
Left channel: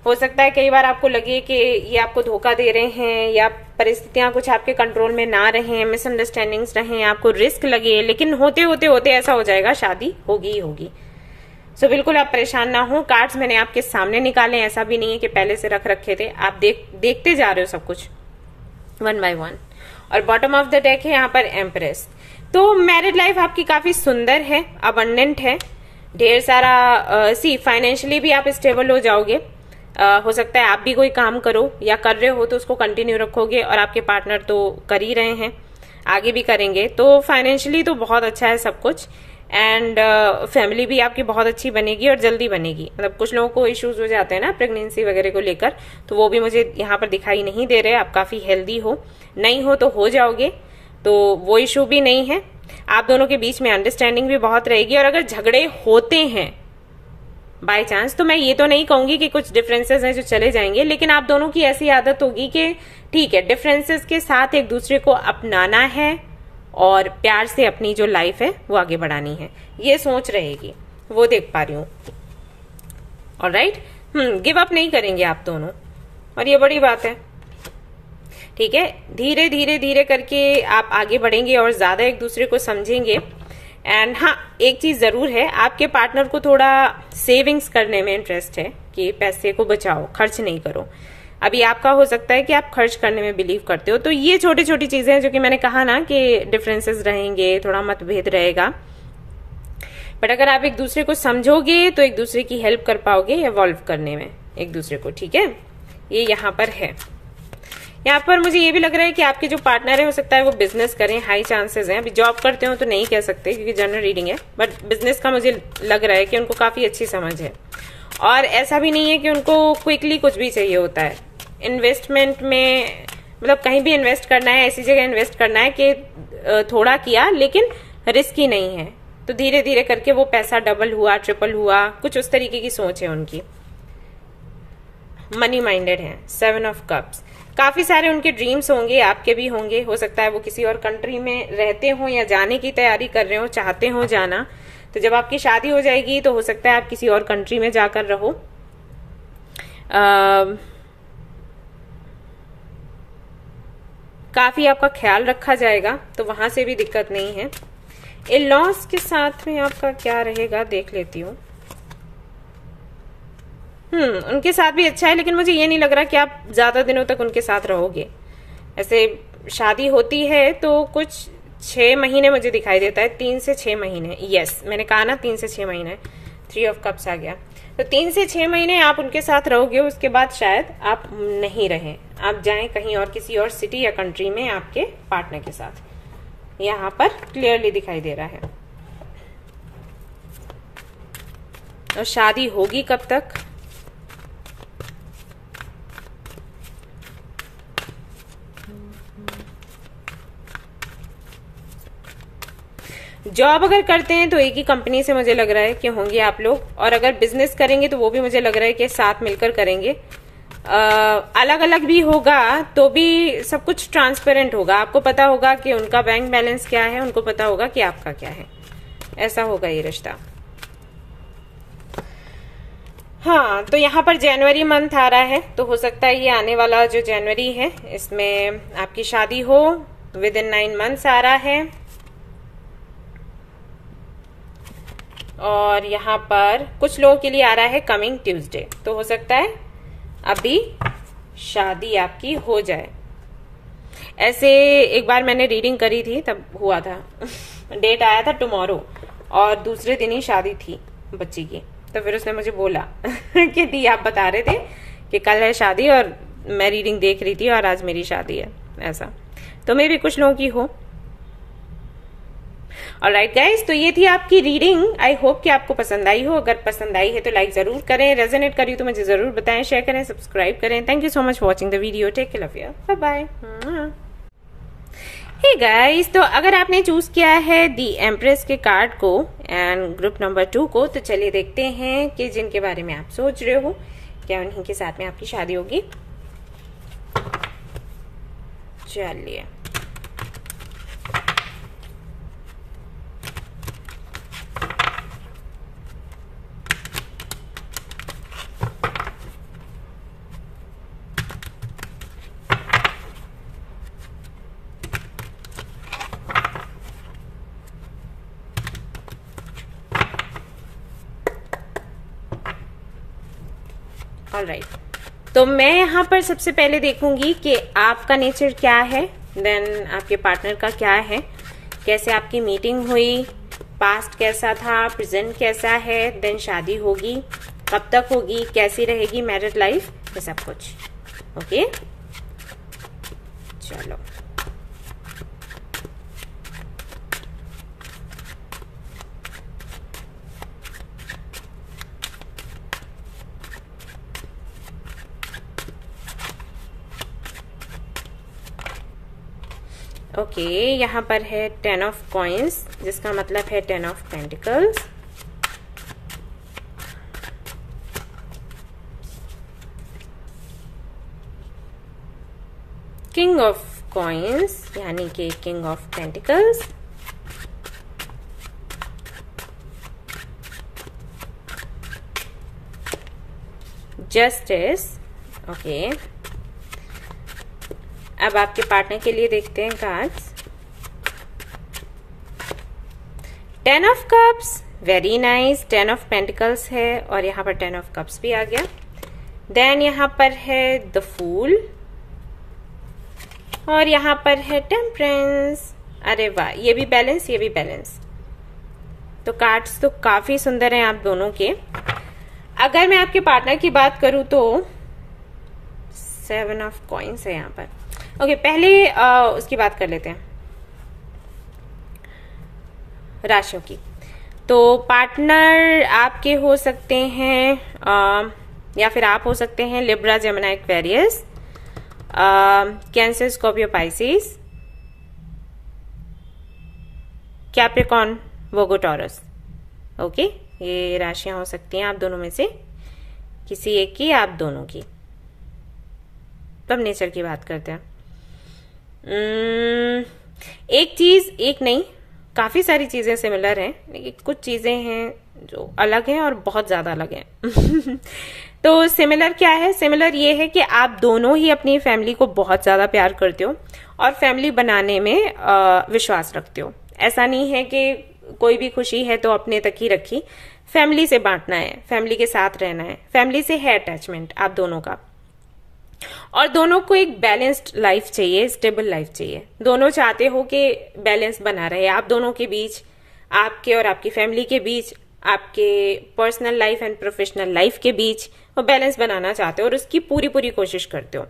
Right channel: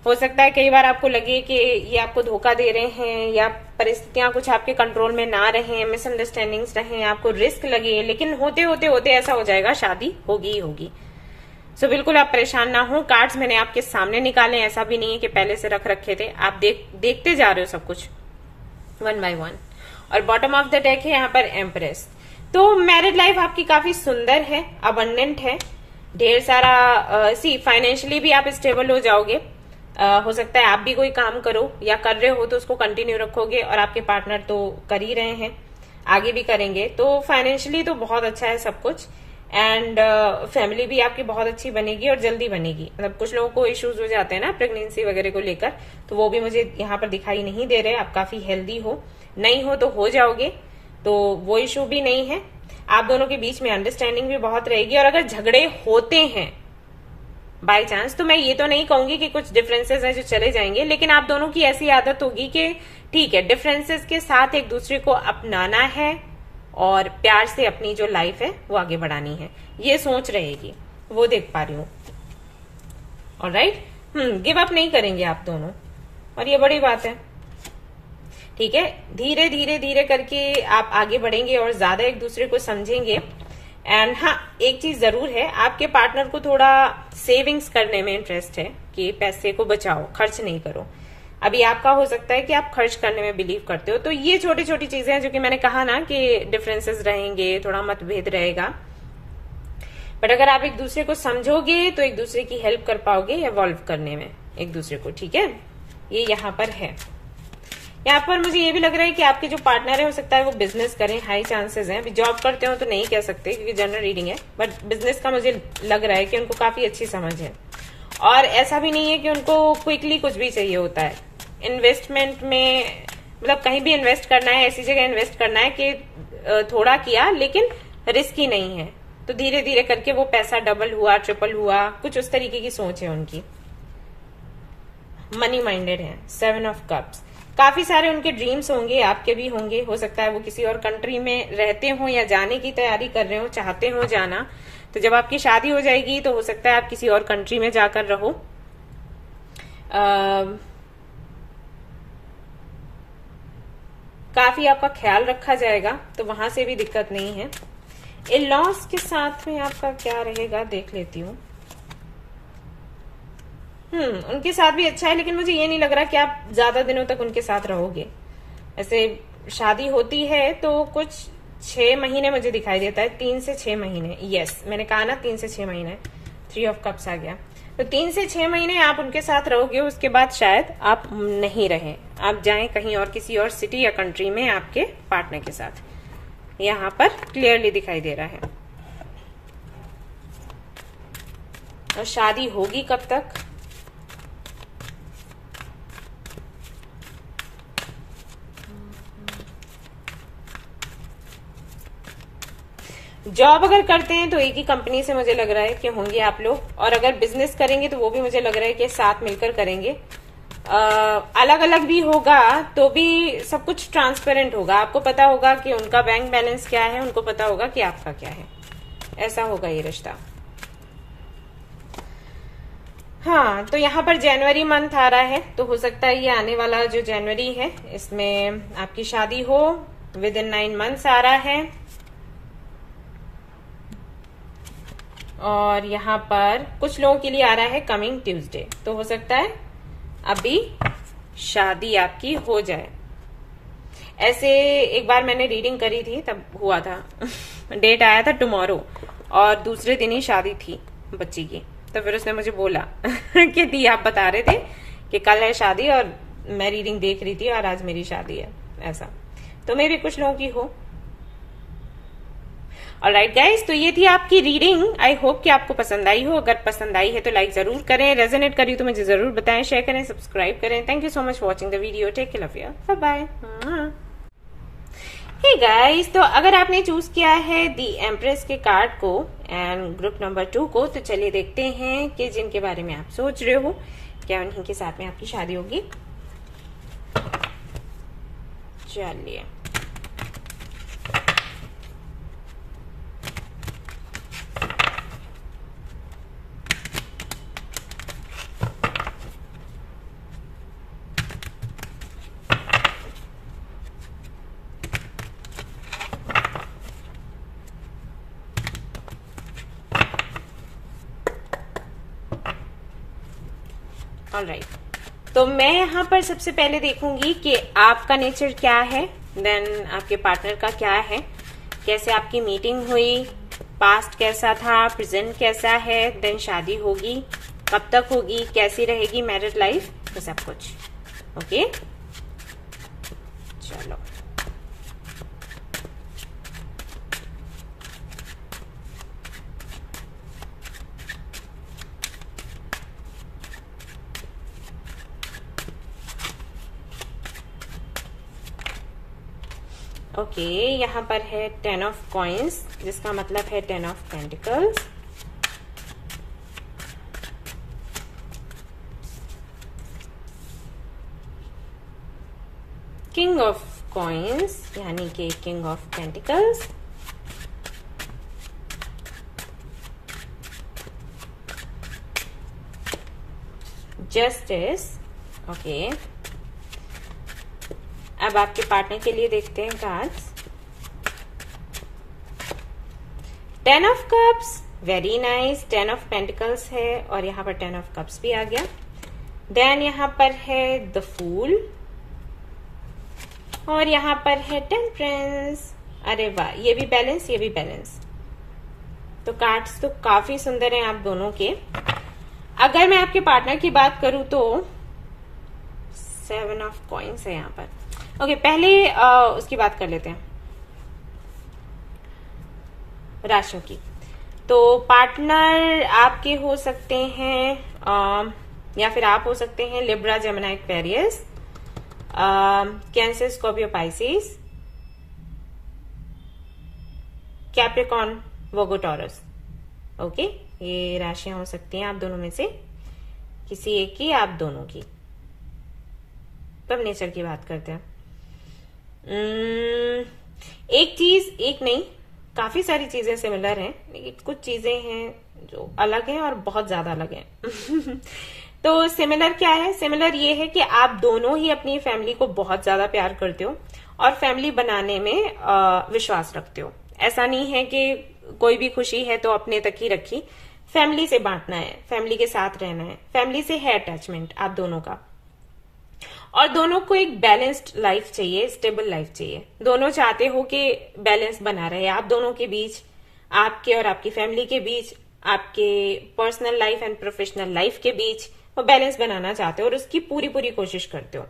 हो सकता है कई बार आपको लगे कि ये आपको धोखा दे रहे हैं, या परिस्थितियां कुछ आपके कंट्रोल में ना रहे, मिसअंडरस्टैंडिंग्स रहे, आपको रिस्क लगे, लेकिन होते होते होते ऐसा हो जाएगा, शादी होगी ही होगी। सो बिल्कुल आप परेशान ना हो। कार्ड्स मैंने आपके सामने निकाले, ऐसा भी नहीं है कि पहले से रख रखे थे, आप देखते जा रहे हो सब कुछ वन बाय वन। और बॉटम ऑफ द डेक है यहाँ पर एम्प्रेस। तो मैरिड लाइफ आपकी काफी सुंदर है, अबंडेंट है, ढेर सारा सी फाइनेंशियली भी आप स्टेबल हो जाओगे। हो सकता है आप भी कोई काम करो या कर रहे हो तो उसको कंटिन्यू रखोगे, और आपके पार्टनर तो कर ही रहे हैं, आगे भी करेंगे। तो फाइनेंशियली तो बहुत अच्छा है सब कुछ। एंड फैमिली भी आपकी बहुत अच्छी बनेगी और जल्दी बनेगी। मतलब कुछ लोगों को इश्यूज हो जाते हैं ना प्रेगनेंसी वगैरह को लेकर, तो वो भी मुझे यहाँ पर दिखाई नहीं दे रहे। आप काफी हेल्दी हो, नहीं हो तो हो जाओगे, तो वो इश्यू भी नहीं है। आप दोनों के बीच में अंडरस्टैंडिंग भी बहुत रहेगी। और अगर झगड़े होते हैं बाय चांस, तो मैं ये तो नहीं कहूंगी कि कुछ डिफरेंसेस हैं जो चले जाएंगे, लेकिन आप दोनों की ऐसी आदत होगी कि ठीक है, डिफरेंसेस के साथ एक दूसरे को अपनाना है और प्यार से अपनी जो लाइफ है वो आगे बढ़ानी है, ये सोच रहेगी, वो देख पा रही हूँ। ऑलराइट, गिव अप नहीं करेंगे आप दोनों, और ये बड़ी बात है। ठीक है, धीरे धीरे धीरे करके आप आगे बढ़ेंगे और ज्यादा एक दूसरे को समझेंगे। एंड हाँ, एक चीज जरूर है, आपके पार्टनर को थोड़ा सेविंग्स करने में इंटरेस्ट है कि पैसे को बचाओ, खर्च नहीं करो। अभी आपका हो सकता है कि आप खर्च करने में बिलीव करते हो। तो ये छोटी छोटी चीजें हैं जो कि मैंने कहा ना कि डिफरेंसेस रहेंगे, थोड़ा मतभेद रहेगा, बट अगर आप एक दूसरे को समझोगे तो एक दूसरे की हेल्प कर पाओगे इवॉल्व करने में एक दूसरे को। ठीक है, ये यहाँ पर है। यहाँ पर मुझे ये भी लग रहा है कि आपके जो पार्टनर है हो सकता है वो बिजनेस करें, हाई चांसेस हैं। अभी जॉब करते हो तो नहीं कह सकते क्योंकि जनरल रीडिंग है, बट बिजनेस का मुझे लग रहा है कि उनको काफी अच्छी समझ है। और ऐसा भी नहीं है कि उनको क्विकली कुछ भी चाहिए होता है। इन्वेस्टमेंट में मतलब कहीं भी इन्वेस्ट करना है, ऐसी जगह इन्वेस्ट करना है कि थोड़ा किया लेकिन रिस्की नहीं है, तो धीरे धीरे करके वो पैसा डबल हुआ, ट्रिपल हुआ, कुछ उस तरीके की सोच है उनकी। मनी माइंडेड है। 7 ऑफ कप्स, काफी सारे उनके ड्रीम्स होंगे, आपके भी होंगे। हो सकता है वो किसी और कंट्री में रहते हो या जाने की तैयारी कर रहे हो, चाहते हो जाना। तो जब आपकी शादी हो जाएगी तो हो सकता है आप किसी और कंट्री में जाकर रहो। काफी आपका ख्याल रखा जाएगा, तो वहां से भी दिक्कत नहीं है। इन-लॉज के साथ में आपका क्या रहेगा देख लेती हूँ। उनके साथ भी अच्छा है, लेकिन मुझे ये नहीं लग रहा कि आप ज्यादा दिनों तक उनके साथ रहोगे। ऐसे शादी होती है तो कुछ 6 महीने मुझे दिखाई देता है, 3 से 6 महीने। यस, मैंने कहा ना 3 से 6 महीने। 3 ऑफ कप्स आ गया, तो 3 से 6 महीने आप उनके साथ रहोगे। उसके बाद शायद आप नहीं रहें, आप जाएं कहीं और, किसी और सिटी या कंट्री में आपके पार्टनर के साथ। यहाँ पर क्लियरली दिखाई दे रहा है। और शादी होगी कब तक? जॉब अगर करते हैं तो एक ही कंपनी से मुझे लग रहा है कि होंगे आप लोग, और अगर बिजनेस करेंगे तो वो भी मुझे लग रहा है कि साथ मिलकर करेंगे। अलग अलग भी होगा तो भी सब कुछ ट्रांसपेरेंट होगा, आपको पता होगा कि उनका बैंक बैलेंस क्या है, उनको पता होगा कि आपका क्या है। ऐसा होगा ये रिश्ता। हाँ, तो यहाँ पर जनवरी मंथ आ रहा है, तो हो सकता है ये आने वाला जो जनवरी है इसमें आपकी शादी हो। विद इन 9 मंथ्स आ रहा है। और यहाँ पर कुछ लोगों के लिए आ रहा है कमिंग ट्यूसडे, तो हो सकता है अभी शादी आपकी हो जाए। ऐसे एक बार मैंने रीडिंग करी थी, तब हुआ था डेट आया था टुमारो, और दूसरे दिन ही शादी थी बच्ची की। तो फिर उसने मुझे बोला कि दी आप बता रहे थे कि कल है शादी, और मैं रीडिंग देख रही थी और आज मेरी शादी है। ऐसा तो मे भी कुछ लोगों की हो। ऑलराइट गाइस, तो ये थी आपकी रीडिंग। आई होप कि आपको पसंद आई हो। अगर पसंद आई है तो लाइक जरूर करें, रेजोनेट करी तो मुझे जरूर बताएं, शेयर करें, सब्सक्राइब करें। Thank you so much for watching the video. Take care, love you, bye bye. Hey guys, तो अगर आपने चूज किया है दी एम्प्रेस के कार्ड को एंड ग्रुप नंबर 2 को, तो चलिए देखते हैं कि जिनके बारे में आप सोच रहे हो क्या उन्हीं के साथ में आपकी शादी होगी। चलिए, ऑलराइट, तो मैं यहाँ पर सबसे पहले देखूंगी कि आपका नेचर क्या है, देन आपके पार्टनर का क्या है, कैसे आपकी मीटिंग हुई, पास्ट कैसा था, प्रेजेंट कैसा है, देन शादी होगी, कब तक होगी, कैसी रहेगी मैरिड लाइफ, ये सब कुछ। ओके, चलो ओके, यहाँ पर है 10 ऑफ कॉइन्स, जिसका मतलब है 10 of pentacles. King of coins यानी कि king of pentacles. Justice. Okay, अब आपके पार्टनर के लिए देखते हैं cards. 10 of cups, very nice. 10 of pentacles है और यहाँ पर 10 ऑफ कप्स भी आ गया। देन यहाँ पर है द फूल और यहाँ पर है टेम्परेंस। अरे वाह, ये भी बैलेंस, ये भी बैलेंस। तो कार्ड्स तो काफी सुंदर हैं आप दोनों के। अगर मैं आपके पार्टनर की बात करूं तो 7 ऑफ कॉइन्स है यहाँ पर। ओके, पहले उसकी बात कर लेते हैं, राशियों की। तो पार्टनर आपके हो सकते हैं या फिर आप हो सकते हैं Libra, Gemini, Aquarius, Cancer, Scorpio, Pisces, Capricorn, Virgo, Taurus. Okay, ये राशियां हो सकती हैं आप दोनों में से किसी एक की, आप दोनों की। तब नेचर की बात करते हैं। एक चीज, एक नहीं, काफी सारी चीजें सिमिलर हैं, लेकिन कुछ चीजें हैं जो अलग हैं और बहुत ज्यादा अलग हैं। तो सिमिलर क्या है? सिमिलर ये है कि आप दोनों ही अपनी फैमिली को बहुत ज्यादा प्यार करते हो और फैमिली बनाने में विश्वास रखते हो। ऐसा नहीं है कि कोई भी खुशी है तो अपने तक ही रखी, फैमिली से बांटना है, फैमिली के साथ रहना है, फैमिली से है अटैचमेंट आप दोनों का। और दोनों को एक बैलेंस्ड लाइफ चाहिए, स्टेबल लाइफ चाहिए। दोनों चाहते हो कि बैलेंस बना रहे आप दोनों के बीच, आपके और आपकी फैमिली के बीच, आपके personal life and professional life के बीच वो बैलेंस बनाना चाहते हो और उसकी पूरी पूरी कोशिश करते हो।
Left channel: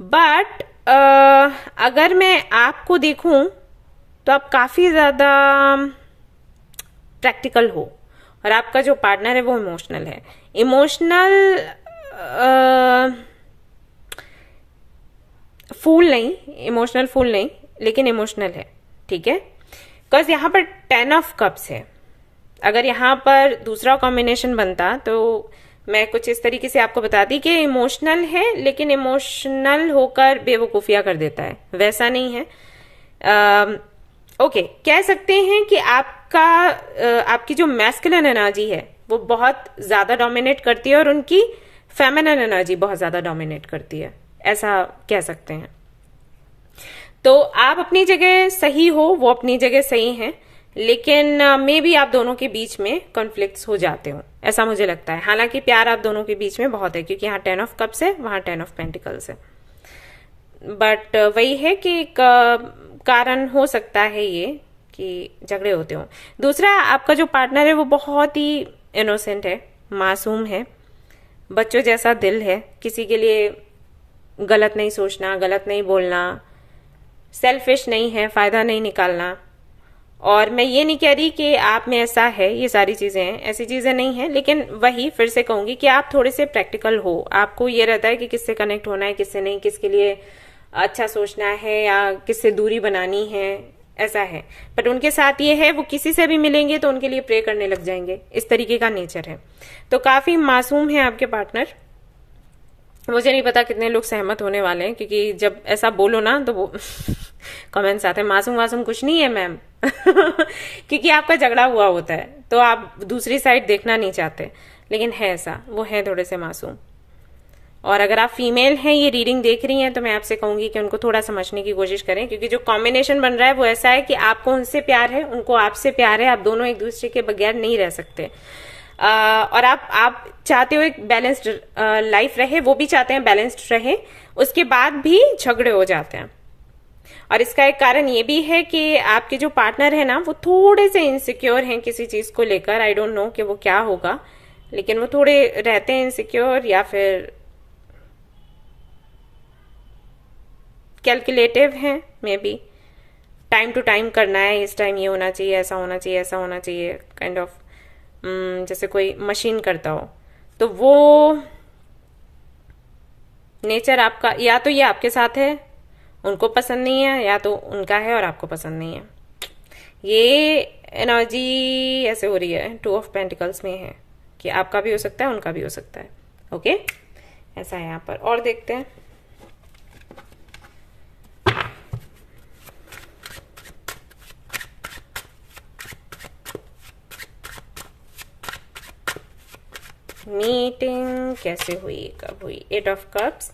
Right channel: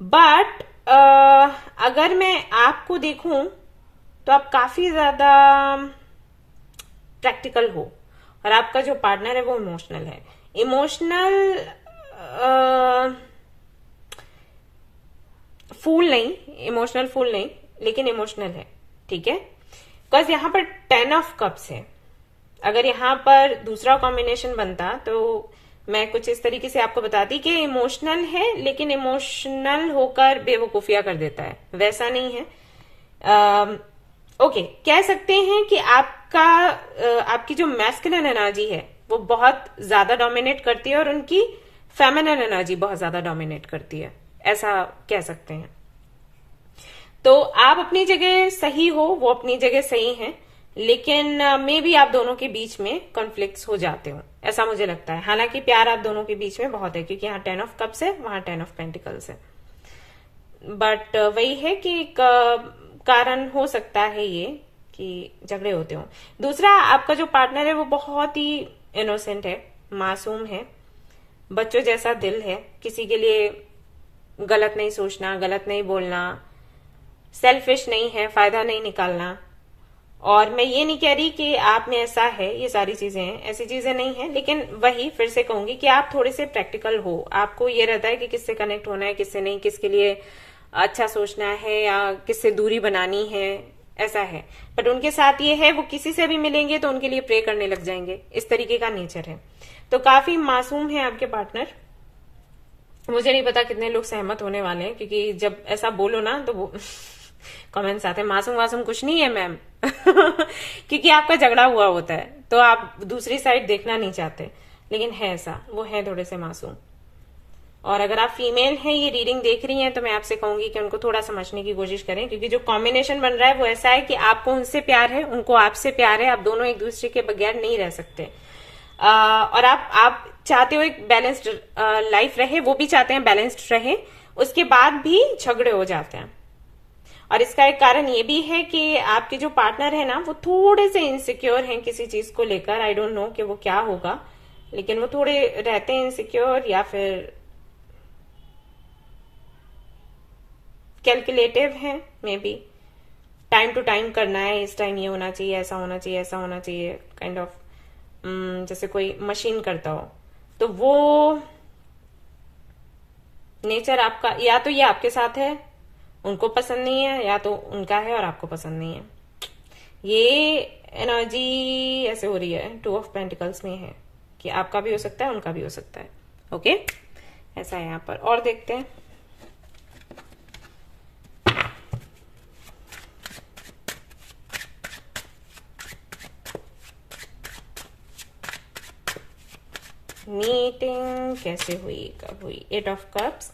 बट अगर मैं आपको देखूं तो आप काफी ज्यादा प्रैक्टिकल हो और आपका जो पार्टनर है वो इमोशनल है। इमोशनल फूल नहीं, इमोशनल फूल नहीं, लेकिन इमोशनल है, ठीक है। बिकॉज यहां पर 10 ऑफ कप्स है। अगर यहां पर दूसरा कॉम्बिनेशन बनता तो मैं कुछ इस तरीके से आपको बताती कि इमोशनल है लेकिन इमोशनल होकर बेवकूफिया कर देता है, वैसा नहीं है। ओके, कह सकते हैं कि आपकी जो मैस्कुलिन एनर्जी है वो बहुत ज्यादा डोमिनेट करती है और उनकी फेमिनिन एनर्जी बहुत ज्यादा डोमिनेट करती है, ऐसा कह सकते हैं। तो आप अपनी जगह सही हो, वो अपनी जगह सही है, लेकिन मे बी आप दोनों के बीच में कॉन्फ्लिक्ट्स हो जाते हो, ऐसा मुझे लगता है। हालांकि प्यार आप दोनों के बीच में बहुत है, क्योंकि यहाँ 10 ऑफ कप्स है, वहां 10 ऑफ पेंटिकल्स है। बट वही है कि कारण हो सकता है ये कि झगड़े होते हो। दूसरा, आपका जो पार्टनर है वो बहुत ही इनोसेंट है, मासूम है, बच्चों जैसा दिल है, किसी के लिए गलत नहीं सोचना, गलत नहीं बोलना, सेल्फिश नहीं है, फायदा नहीं निकालना, और मैं ये नहीं कह रही कि आप में ऐसा है, ये सारी चीजें हैं, ऐसी चीजें नहीं है, लेकिन वही फिर से कहूंगी कि आप थोड़े से प्रैक्टिकल हो। आपको ये रहता है कि किससे कनेक्ट होना है, किससे नहीं, किसके लिए अच्छा सोचना है या किससे दूरी बनानी है, ऐसा है। बट उनके साथ ये है, वो किसी से भी मिलेंगे तो उनके लिए प्रे करने लग जाएंगे, इस तरीके का नेचर है। तो काफी मासूम है आपके पार्टनर। मुझे नहीं पता कितने लोग सहमत होने वाले हैं, क्योंकि जब ऐसा बोलो ना तो वो कमेंट्स आते हैं, मासूम मासूम कुछ नहीं है मैम क्योंकि आपका झगड़ा हुआ होता है तो आप दूसरी साइड देखना नहीं चाहते, लेकिन है ऐसा, वो है थोड़े से मासूम। और अगर आप फीमेल हैं, ये रीडिंग देख रही हैं, तो मैं आपसे कहूंगी कि उनको थोड़ा समझने की कोशिश करें, क्योंकि जो कॉम्बिनेशन बन रहा है वो ऐसा है कि आपको उनसे प्यार है, उनको आपसे प्यार है, आप दोनों एक दूसरे के बगैर नहीं रह सकते। और आप चाहते हो एक बैलेंस्ड लाइफ रहे, वो भी चाहते हैं बैलेंस्ड रहे, उसके बाद भी झगड़े हो जाते हैं। और इसका एक कारण ये भी है कि आपके जो पार्टनर है ना, वो थोड़े से इनसिक्योर हैं किसी चीज को लेकर। आई डोंट नो कि वो क्या होगा, लेकिन वो थोड़े रहते हैं इनसिक्योर, या फिर कैलकुलेटिव हैं, may be time to time करना है, इस टाइम ये होना चाहिए, ऐसा होना चाहिए, ऐसा होना चाहिए, काइंड ऑफ जैसे कोई मशीन करता हो। तो वो नेचर आपका, या तो ये आपके साथ है, उनको पसंद नहीं है, या तो उनका है और आपको पसंद नहीं है। ये एनर्जी ऐसे हो रही है, 2 ऑफ पेंटिकल्स में है कि आपका भी हो सकता है, उनका भी हो सकता है। ओके, ऐसा है यहाँ पर। और देखते हैं मीटिंग कैसे हुई, कब हुई। 8 ऑफ कप्स।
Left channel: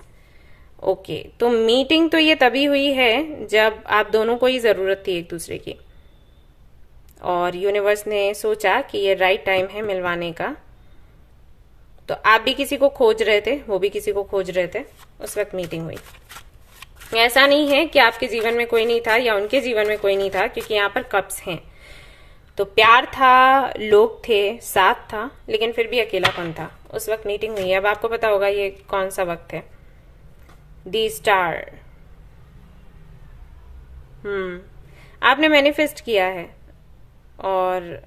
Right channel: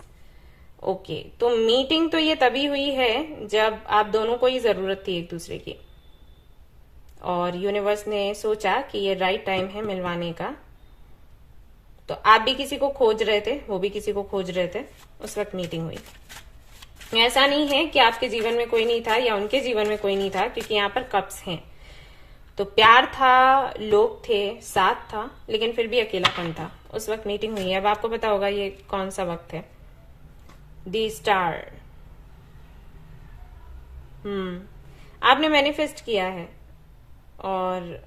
ओके, तो मीटिंग तो ये तभी हुई है जब आप दोनों को ही जरूरत थी एक दूसरे की, और यूनिवर्स ने सोचा कि ये राइट टाइम है मिलवाने का। तो आप भी किसी को खोज रहे थे, वो भी किसी को खोज रहे थे, उस वक्त मीटिंग हुई। ऐसा नहीं है कि आपके जीवन में कोई नहीं था या उनके जीवन में कोई नहीं था, क्योंकि यहाँ पर कप्स हैं। तो प्यार था, लोग थे, साथ था, लेकिन फिर भी अकेलापन था। उस वक्त मीटिंग हुई है। अब आपको पता होगा ये कौन सा वक्त है। दी स्टार। आपने मैनिफेस्ट किया है, और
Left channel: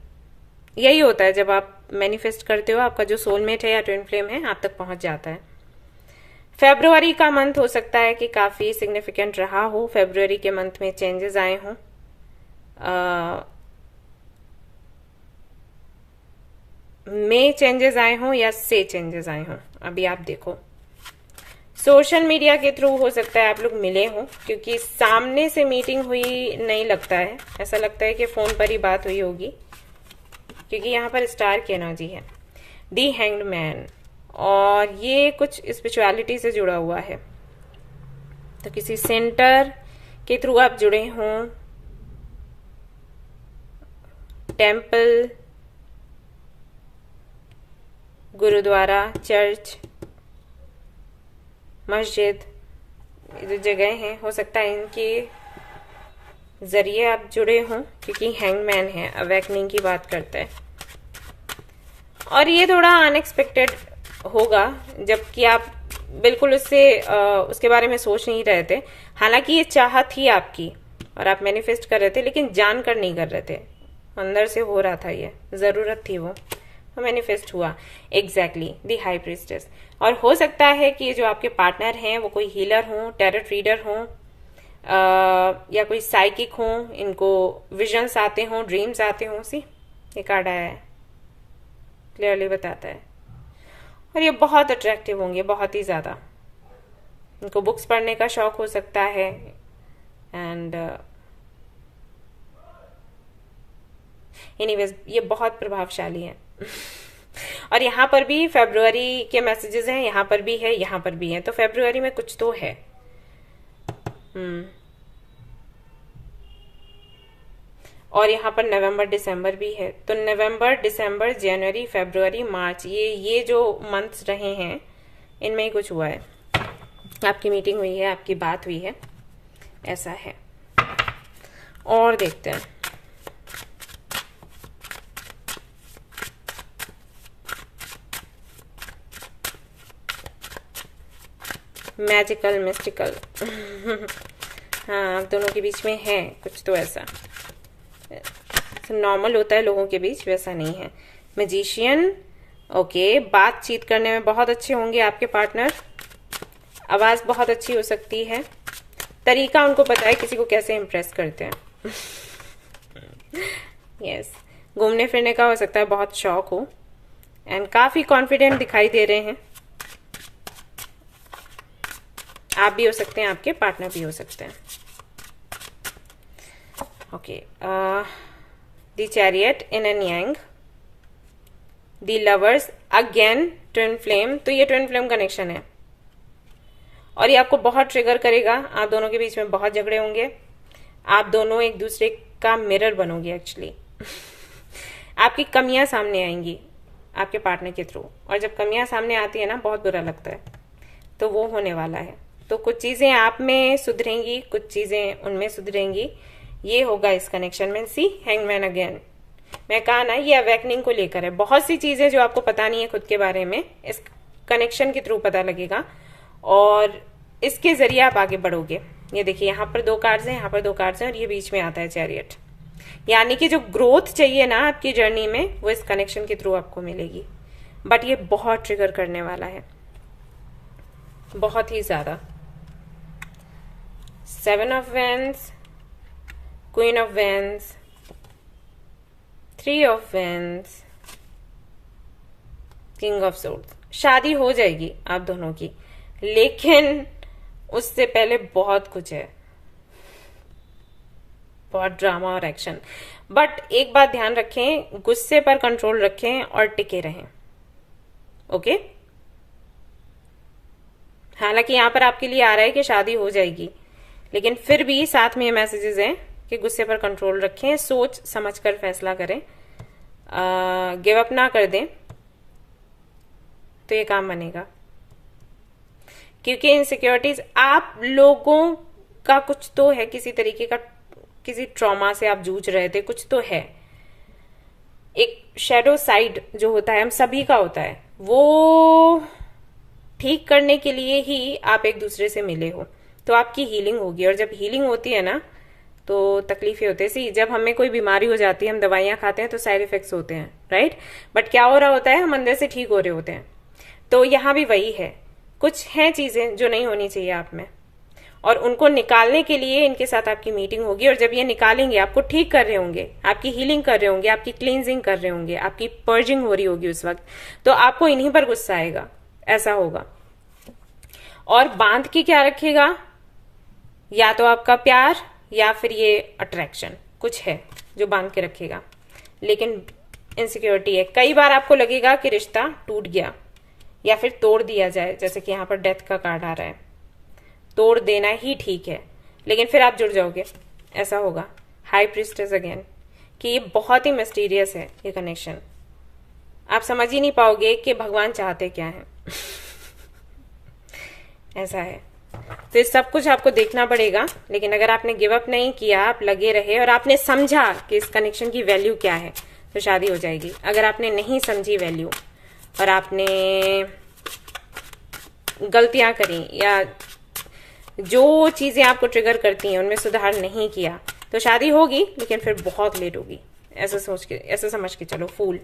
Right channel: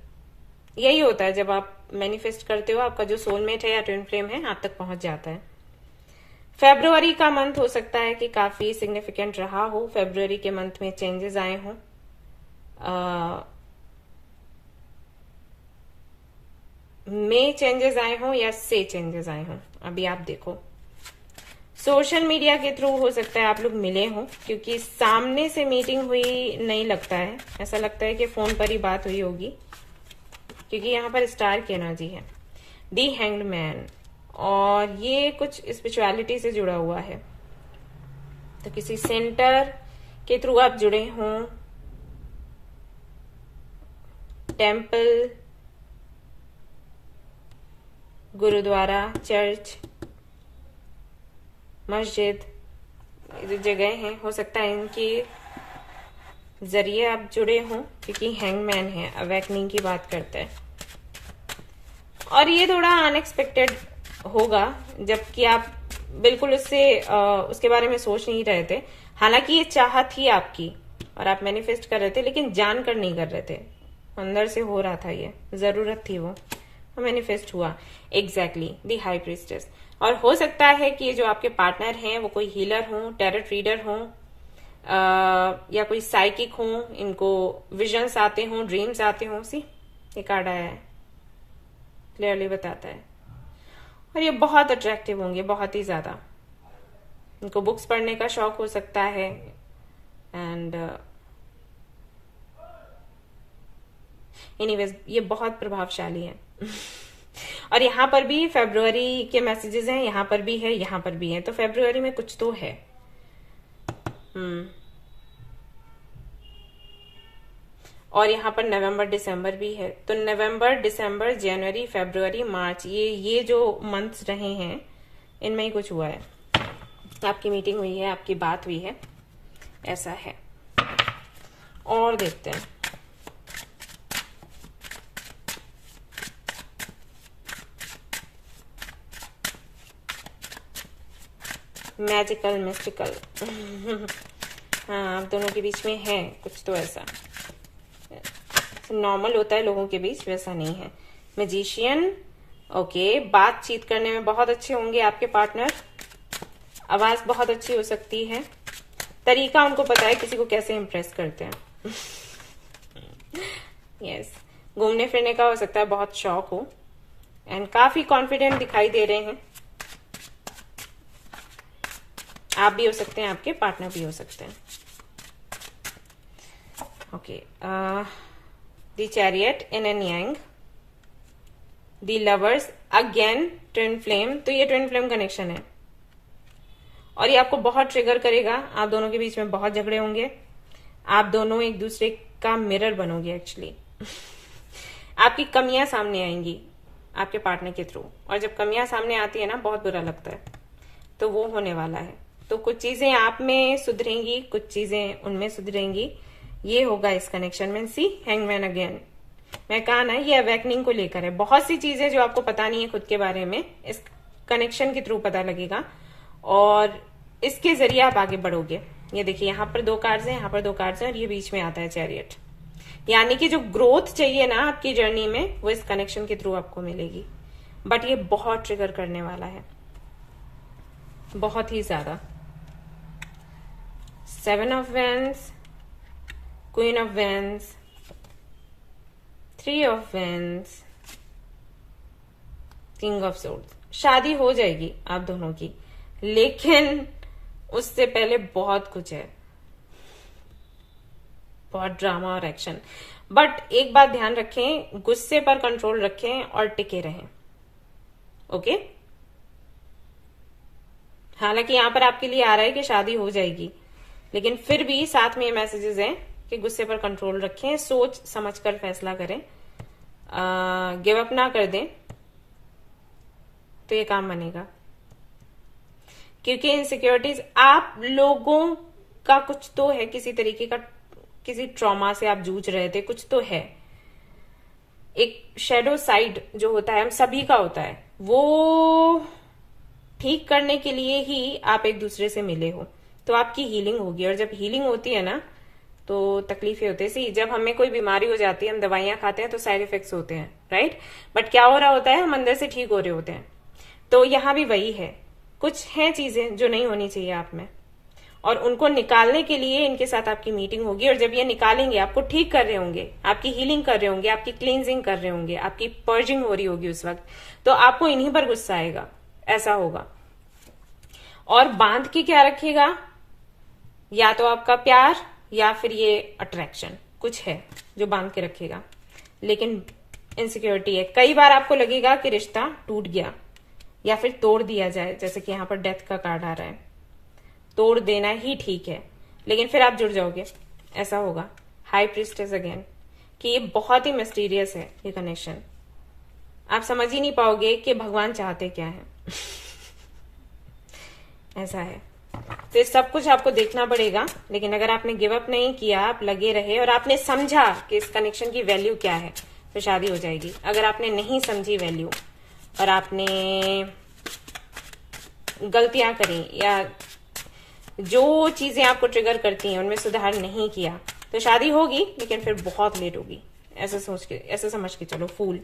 यही होता है जब आप मैनिफेस्ट करते हो, आपका जो सोलमेट है या ट्विन फ्लेम है आप तक पहुंच जाता है। फेब्रुवरी का मंथ हो सकता है कि काफी सिग्निफिकेंट रहा हो। फेब्रुवरी के मंथ में चेंजेस आए हों। में चेंजेस आए हों या से चेंजेस आए हों, अभी आप देखो। सोशल मीडिया के थ्रू हो सकता है आप लोग मिले हों, क्योंकि सामने से मीटिंग हुई नहीं लगता है, ऐसा लगता है कि फोन पर ही बात हुई होगी, क्योंकि यहाँ पर स्टार की एनर्जी है। दी हैंग्ड मैन, और ये कुछ स्पिरिचुअलिटी से जुड़ा हुआ है। तो किसी सेंटर के थ्रू आप जुड़े हों, टेम्पल, गुरुद्वारा, चर्च, मस्जिद, जो जगह हैं, हो सकता है इनके जरिए आप जुड़े हों, क्योंकि हैंगमैन है, अवेकनिंग की बात करता है। और ये थोड़ा अनएक्सपेक्टेड होगा, जबकि आप बिल्कुल उसके बारे में सोच नहीं रहे थे। हालांकि ये चाह थी आपकी और आप मैनिफेस्ट कर रहे थे, लेकिन जानकर नहीं कर रहे थे, अंदर से हो रहा था, ये जरूरत थी, वो मैनिफेस्ट हुआ। एग्जैक्टली, दी हाई प्रीस्टेस। और हो सकता है कि ये जो आपके पार्टनर हैं वो कोई हीलर हो, टैरोट रीडर हो, या कोई साइकिक हो, इनको विजन्स आते हो, ड्रीम्स आते हो। सी ये कार्ड आया है, क्लियरली बताता है। और ये बहुत अट्रैक्टिव होंगे, बहुत ही ज्यादा। इनको बुक्स पढ़ने का शौक हो सकता है, एंड एनीवेज ये बहुत प्रभावशाली है। और यहाँ पर भी फेब्रुवरी के मैसेजेस हैं, यहाँ पर भी है, यहाँ पर भी है, तो फेब्रुवरी में कुछ तो है। और यहाँ पर नवंबर दिसंबर भी है। तो नवंबर, दिसंबर, जनवरी, फेब्रुवरी, मार्च, ये जो मंथ्स रहे हैं, इनमें ही कुछ हुआ है। आपकी मीटिंग हुई है, आपकी बात हुई है, ऐसा है। और देखते हैं मैजिकल, मिस्टिकल हाँ, आप दोनों के बीच में है कुछ तो ऐसा। नॉर्मल होता है लोगों के बीच, वैसा नहीं है। मैजिशियन, ओके, बातचीत करने में बहुत अच्छे होंगे आपके पार्टनर, आवाज बहुत अच्छी हो सकती है, तरीका उनको पता है किसी को कैसे इम्प्रेस करते हैं। यस, घूमने फिरने का हो सकता है बहुत शौक हो, एंड काफी कॉन्फिडेंट दिखाई दे रहे हैं। आप भी हो सकते हैं, आपके पार्टनर भी हो सकते हैं। Okay, the chariot in an Yang, the lovers, again twin flame. तो ये ट्विन फ्लेम कनेक्शन है और ये आपको बहुत ट्रिगर करेगा। आप दोनों के बीच में बहुत झगड़े होंगे, आप दोनों एक दूसरे का मिरर बनोगे एक्चुअली। आपकी कमियां सामने आएंगी आपके पार्टनर के थ्रू, और जब कमियां सामने आती है ना बहुत बुरा लगता है, तो वो होने वाला है। तो कुछ चीजें आप में सुधरेंगी, कुछ चीजें उनमें सुधरेंगी, ये होगा इस कनेक्शन में। सी हैंगमैन अगेन, मैं कहा ना ये अवेकनिंग को लेकर है। बहुत सी चीजें जो आपको पता नहीं है खुद के बारे में, इस कनेक्शन के थ्रू पता लगेगा और इसके जरिए आप आगे बढ़ोगे। ये देखिए यहाँ पर 2 कार्ड्स हैं, यहाँ पर 2 कार्ड्स हैं और ये बीच में आता है चैरियट। यानी कि जो ग्रोथ चाहिए ना आपकी जर्नी में, वो इस कनेक्शन के थ्रू आपको मिलेगी। बट ये बहुत ट्रिगर करने वाला है, बहुत ही ज्यादा। 7 of wands, queen of wands, 3 of wands, king of swords. शादी हो जाएगी आप दोनों की, लेकिन उससे पहले बहुत कुछ है, बहुत ड्रामा और एक्शन। बट एक बात ध्यान रखें, गुस्से पर कंट्रोल रखें और टिके रहें। ओके, हालांकि यहां पर आपके लिए आ रहा है कि शादी हो जाएगी, लेकिन फिर भी साथ में ये मैसेजेस हैं कि गुस्से पर कंट्रोल रखें, सोच समझकर फैसला करें, गिव अप ना कर दें, तो ये काम बनेगा। क्योंकि इनसिक्योरिटीज आप लोगों का कुछ तो है, किसी तरीके का, किसी ट्रॉमा से आप जूझ रहे थे, कुछ तो है। एक शैडो साइड जो होता है, हम सभी का होता है, वो ठीक करने के लिए ही आप एक दूसरे से मिले हो, तो आपकी हीलिंग होगी। और जब हीलिंग होती है ना, तो तकलीफें होती है। सी, जब हमें कोई बीमारी हो जाती है, हम दवाइयां खाते हैं तो साइड इफेक्ट्स होते हैं, राइट। बट क्या हो रहा होता है, हम अंदर से ठीक हो रहे होते हैं। तो यहां भी वही है, कुछ हैं चीजें जो नहीं होनी चाहिए आप में, और उनको निकालने के लिए इनके साथ आपकी मीटिंग होगी। और जब ये निकालेंगे, आपको ठीक कर रहे होंगे, आपकी हीलिंग कर रहे होंगे, आपकी क्लींजिंग कर रहे होंगे, आपकी पर्जिंग हो रही होगी उस वक्त, तो आपको इन्हीं पर गुस्सा आएगा, ऐसा होगा। और बांध के क्या रखेगा, या तो आपका प्यार या फिर ये अट्रैक्शन, कुछ है जो बांध के रखेगा। लेकिन इनसिक्योरिटी है, कई बार आपको लगेगा कि रिश्ता टूट गया या फिर तोड़ दिया जाए, जैसे कि यहां पर डेथ का कार्ड आ रहा है, तोड़ देना ही ठीक है, लेकिन फिर आप जुड़ जाओगे, ऐसा होगा। हाई प्रीस्टेस अगेन, कि ये बहुत ही मिस्टीरियस है ये कनेक्शन, आप समझ ही नहीं पाओगे कि भगवान चाहते क्या है। ऐसा है, तो सब कुछ आपको देखना पड़ेगा। लेकिन अगर आपने गिव अप नहीं किया, आप लगे रहे और आपने समझा कि इस कनेक्शन की वैल्यू क्या है, तो शादी हो जाएगी। अगर आपने नहीं समझी वैल्यू और आपने गलतियां करी या जो चीजें आपको ट्रिगर करती हैं उनमें सुधार नहीं किया, तो शादी होगी लेकिन फिर बहुत लेट होगी, ऐसा सोच के, ऐसा समझ के चलो, फूल।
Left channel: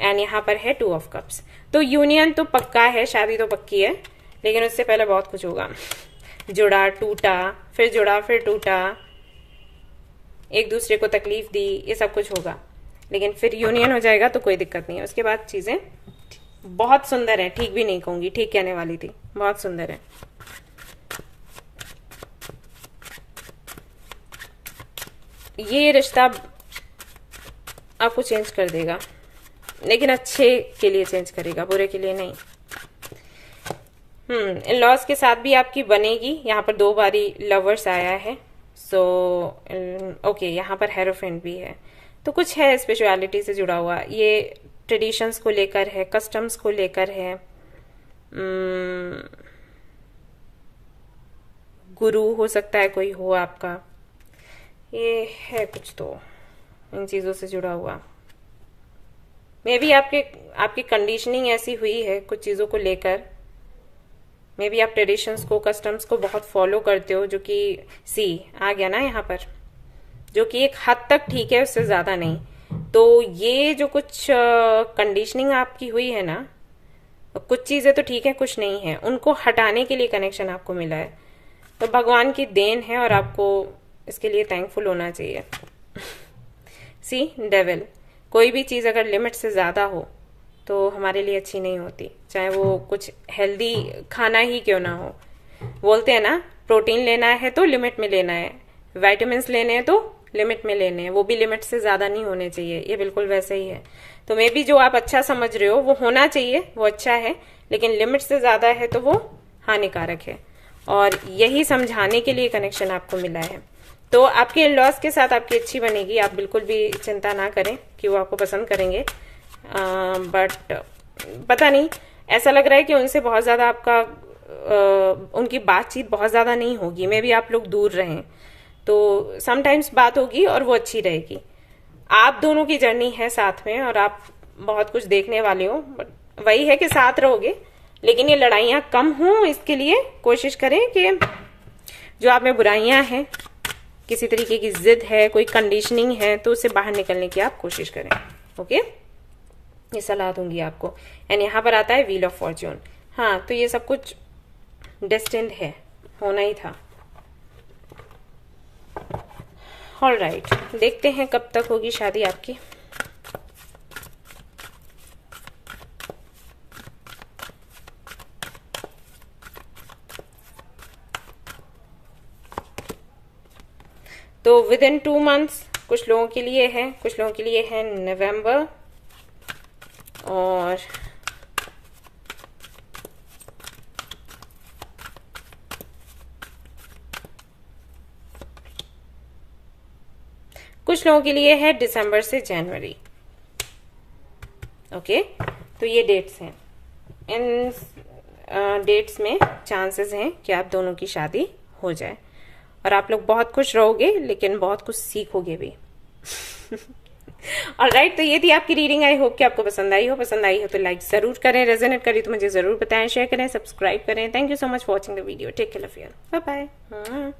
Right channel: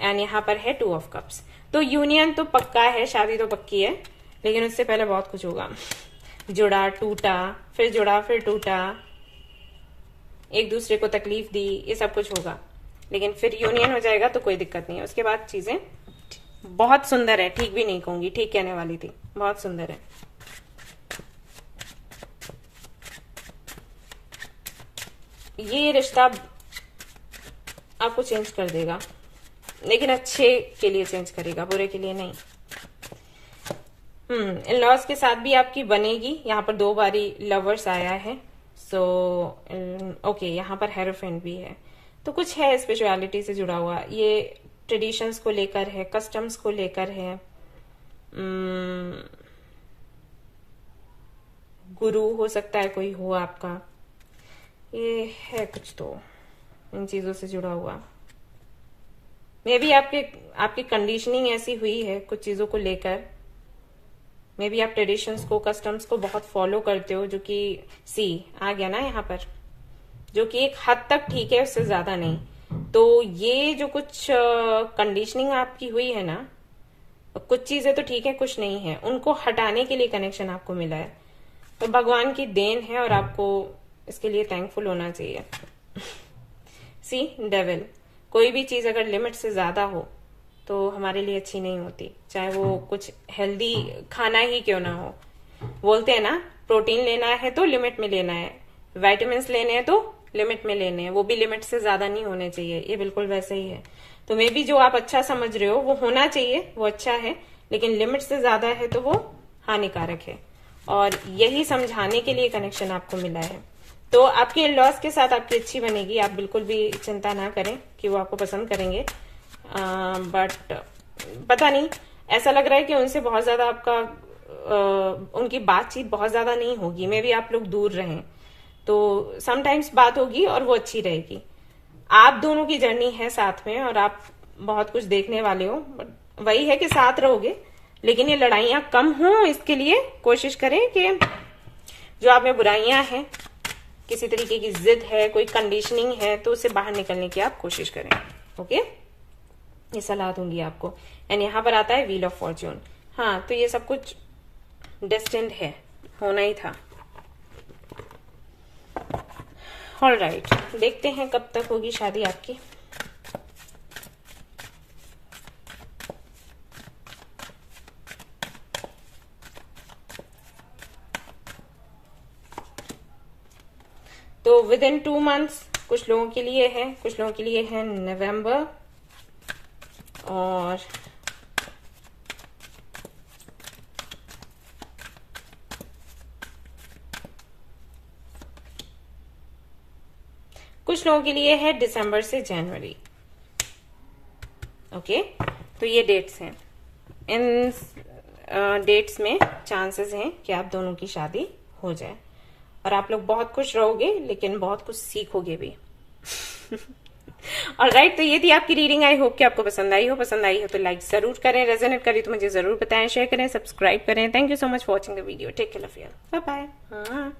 एंड यहाँ पर है 2 ऑफ कप्स। तो यूनियन तो पक्का है, शादी तो पक्की है, लेकिन उससे पहले बहुत कुछ होगा। जुड़ा, टूटा, फिर जुड़ा, फिर टूटा, एक दूसरे को तकलीफ दी, ये सब कुछ होगा, लेकिन फिर यूनियन हो जाएगा तो कोई दिक्कत नहीं है। उसके बाद चीजें बहुत सुंदर है, ठीक भी नहीं कहूंगी, ठीक कहने वाली थी, बहुत सुंदर है। ये रिश्ता आपको चेंज कर देगा, लेकिन अच्छे के लिए चेंज करेगा, बुरे के लिए नहीं। इन लॉज के साथ भी आपकी बनेगी। यहाँ पर 2 बारी लवर्स आया है, सो ओके, यहाँ पर हेरोफेंट भी है, तो कुछ है स्पिरिचुअलिटी से जुड़ा हुआ, ये ट्रेडिशंस को लेकर है, कस्टम्स को लेकर है, गुरु हो सकता है कोई हो आपका, ये है कुछ तो इन चीजों से जुड़ा हुआ। मे बी आपकी कंडीशनिंग ऐसी हुई है कुछ चीजों को लेकर, मे बी आप ट्रेडिशंस को, कस्टम्स को बहुत फॉलो करते हो, जो कि सी आ गया ना यहाँ पर, जो कि एक हद तक ठीक है, उससे ज्यादा नहीं। तो ये जो कुछ कंडीशनिंग आपकी हुई है ना, कुछ चीजें तो ठीक है, कुछ नहीं है, उनको हटाने के लिए कनेक्शन आपको मिला है। तो भगवान की देन है और आपको इसके लिए थैंकफुल होना चाहिए। सी डेविल, कोई भी चीज अगर लिमिट से ज्यादा हो तो हमारे लिए अच्छी नहीं होती, चाहे वो कुछ हेल्दी खाना ही क्यों ना हो। बोलते हैं ना, प्रोटीन लेना है तो लिमिट में लेना है, विटामिन लेने हैं तो लिमिट में लेने हैं, वो भी लिमिट से ज्यादा नहीं होने चाहिए। ये बिल्कुल वैसे ही है। तो मे बी जो आप अच्छा समझ रहे हो वो होना चाहिए, वो अच्छा है, लेकिन लिमिट से ज्यादा है तो वो हानिकारक है। और यही समझाने के लिए कनेक्शन आपको मिला है। तो आपके इन लॉज के साथ आपकी अच्छी बनेगी, आप बिल्कुल भी चिंता ना करें कि वो आपको पसंद करेंगे। बट पता नहीं, ऐसा लग रहा है कि उनसे बहुत ज्यादा आपका उनकी बातचीत बहुत ज्यादा नहीं होगी। मे भी आप लोग दूर रहें तो समटाइम्स बात होगी और वो अच्छी रहेगी। आप दोनों की जर्नी है साथ में और आप बहुत कुछ देखने वाले हो। वही है कि साथ रहोगे, लेकिन ये लड़ाइयां कम हो, इसके लिए कोशिश करें कि जो आप में बुराइयां हैं, किसी तरीके की जिद है, कोई कंडीशनिंग है, तो उससे बाहर निकलने की आप कोशिश करें। ओके, ये सलाह दूंगी आपको। एंड यहाँ पर आता है व्हील ऑफ फॉर्च्यून। हाँ, तो ये सब कुछ डेस्टिन्ड है, होना ही था। ऑलराइट, देखते हैं कब तक होगी शादी आपकी। तो विद इन 2 months कुछ लोगों के लिए है, कुछ लोगों के लिए है नवंबर, और कुछ लोगों के लिए है दिसंबर से जनवरी। ओके, तो ये डेट्स हैं। इन डेट्स में चांसेस हैं कि आप दोनों की शादी हो जाए और आप लोग बहुत खुश रहोगे, लेकिन बहुत कुछ सीखोगे भी। ऑलराइट, तो ये थी आपकी रीडिंग। आई होप कि आपको पसंद आई हो। पसंद आई हो तो लाइक जरूर करें, रेजोनेट करी तो मुझे जरूर बताएं, शेयर करें, सब्सक्राइब करें। Thank you so much for watching the video. Take care, love you, bye bye.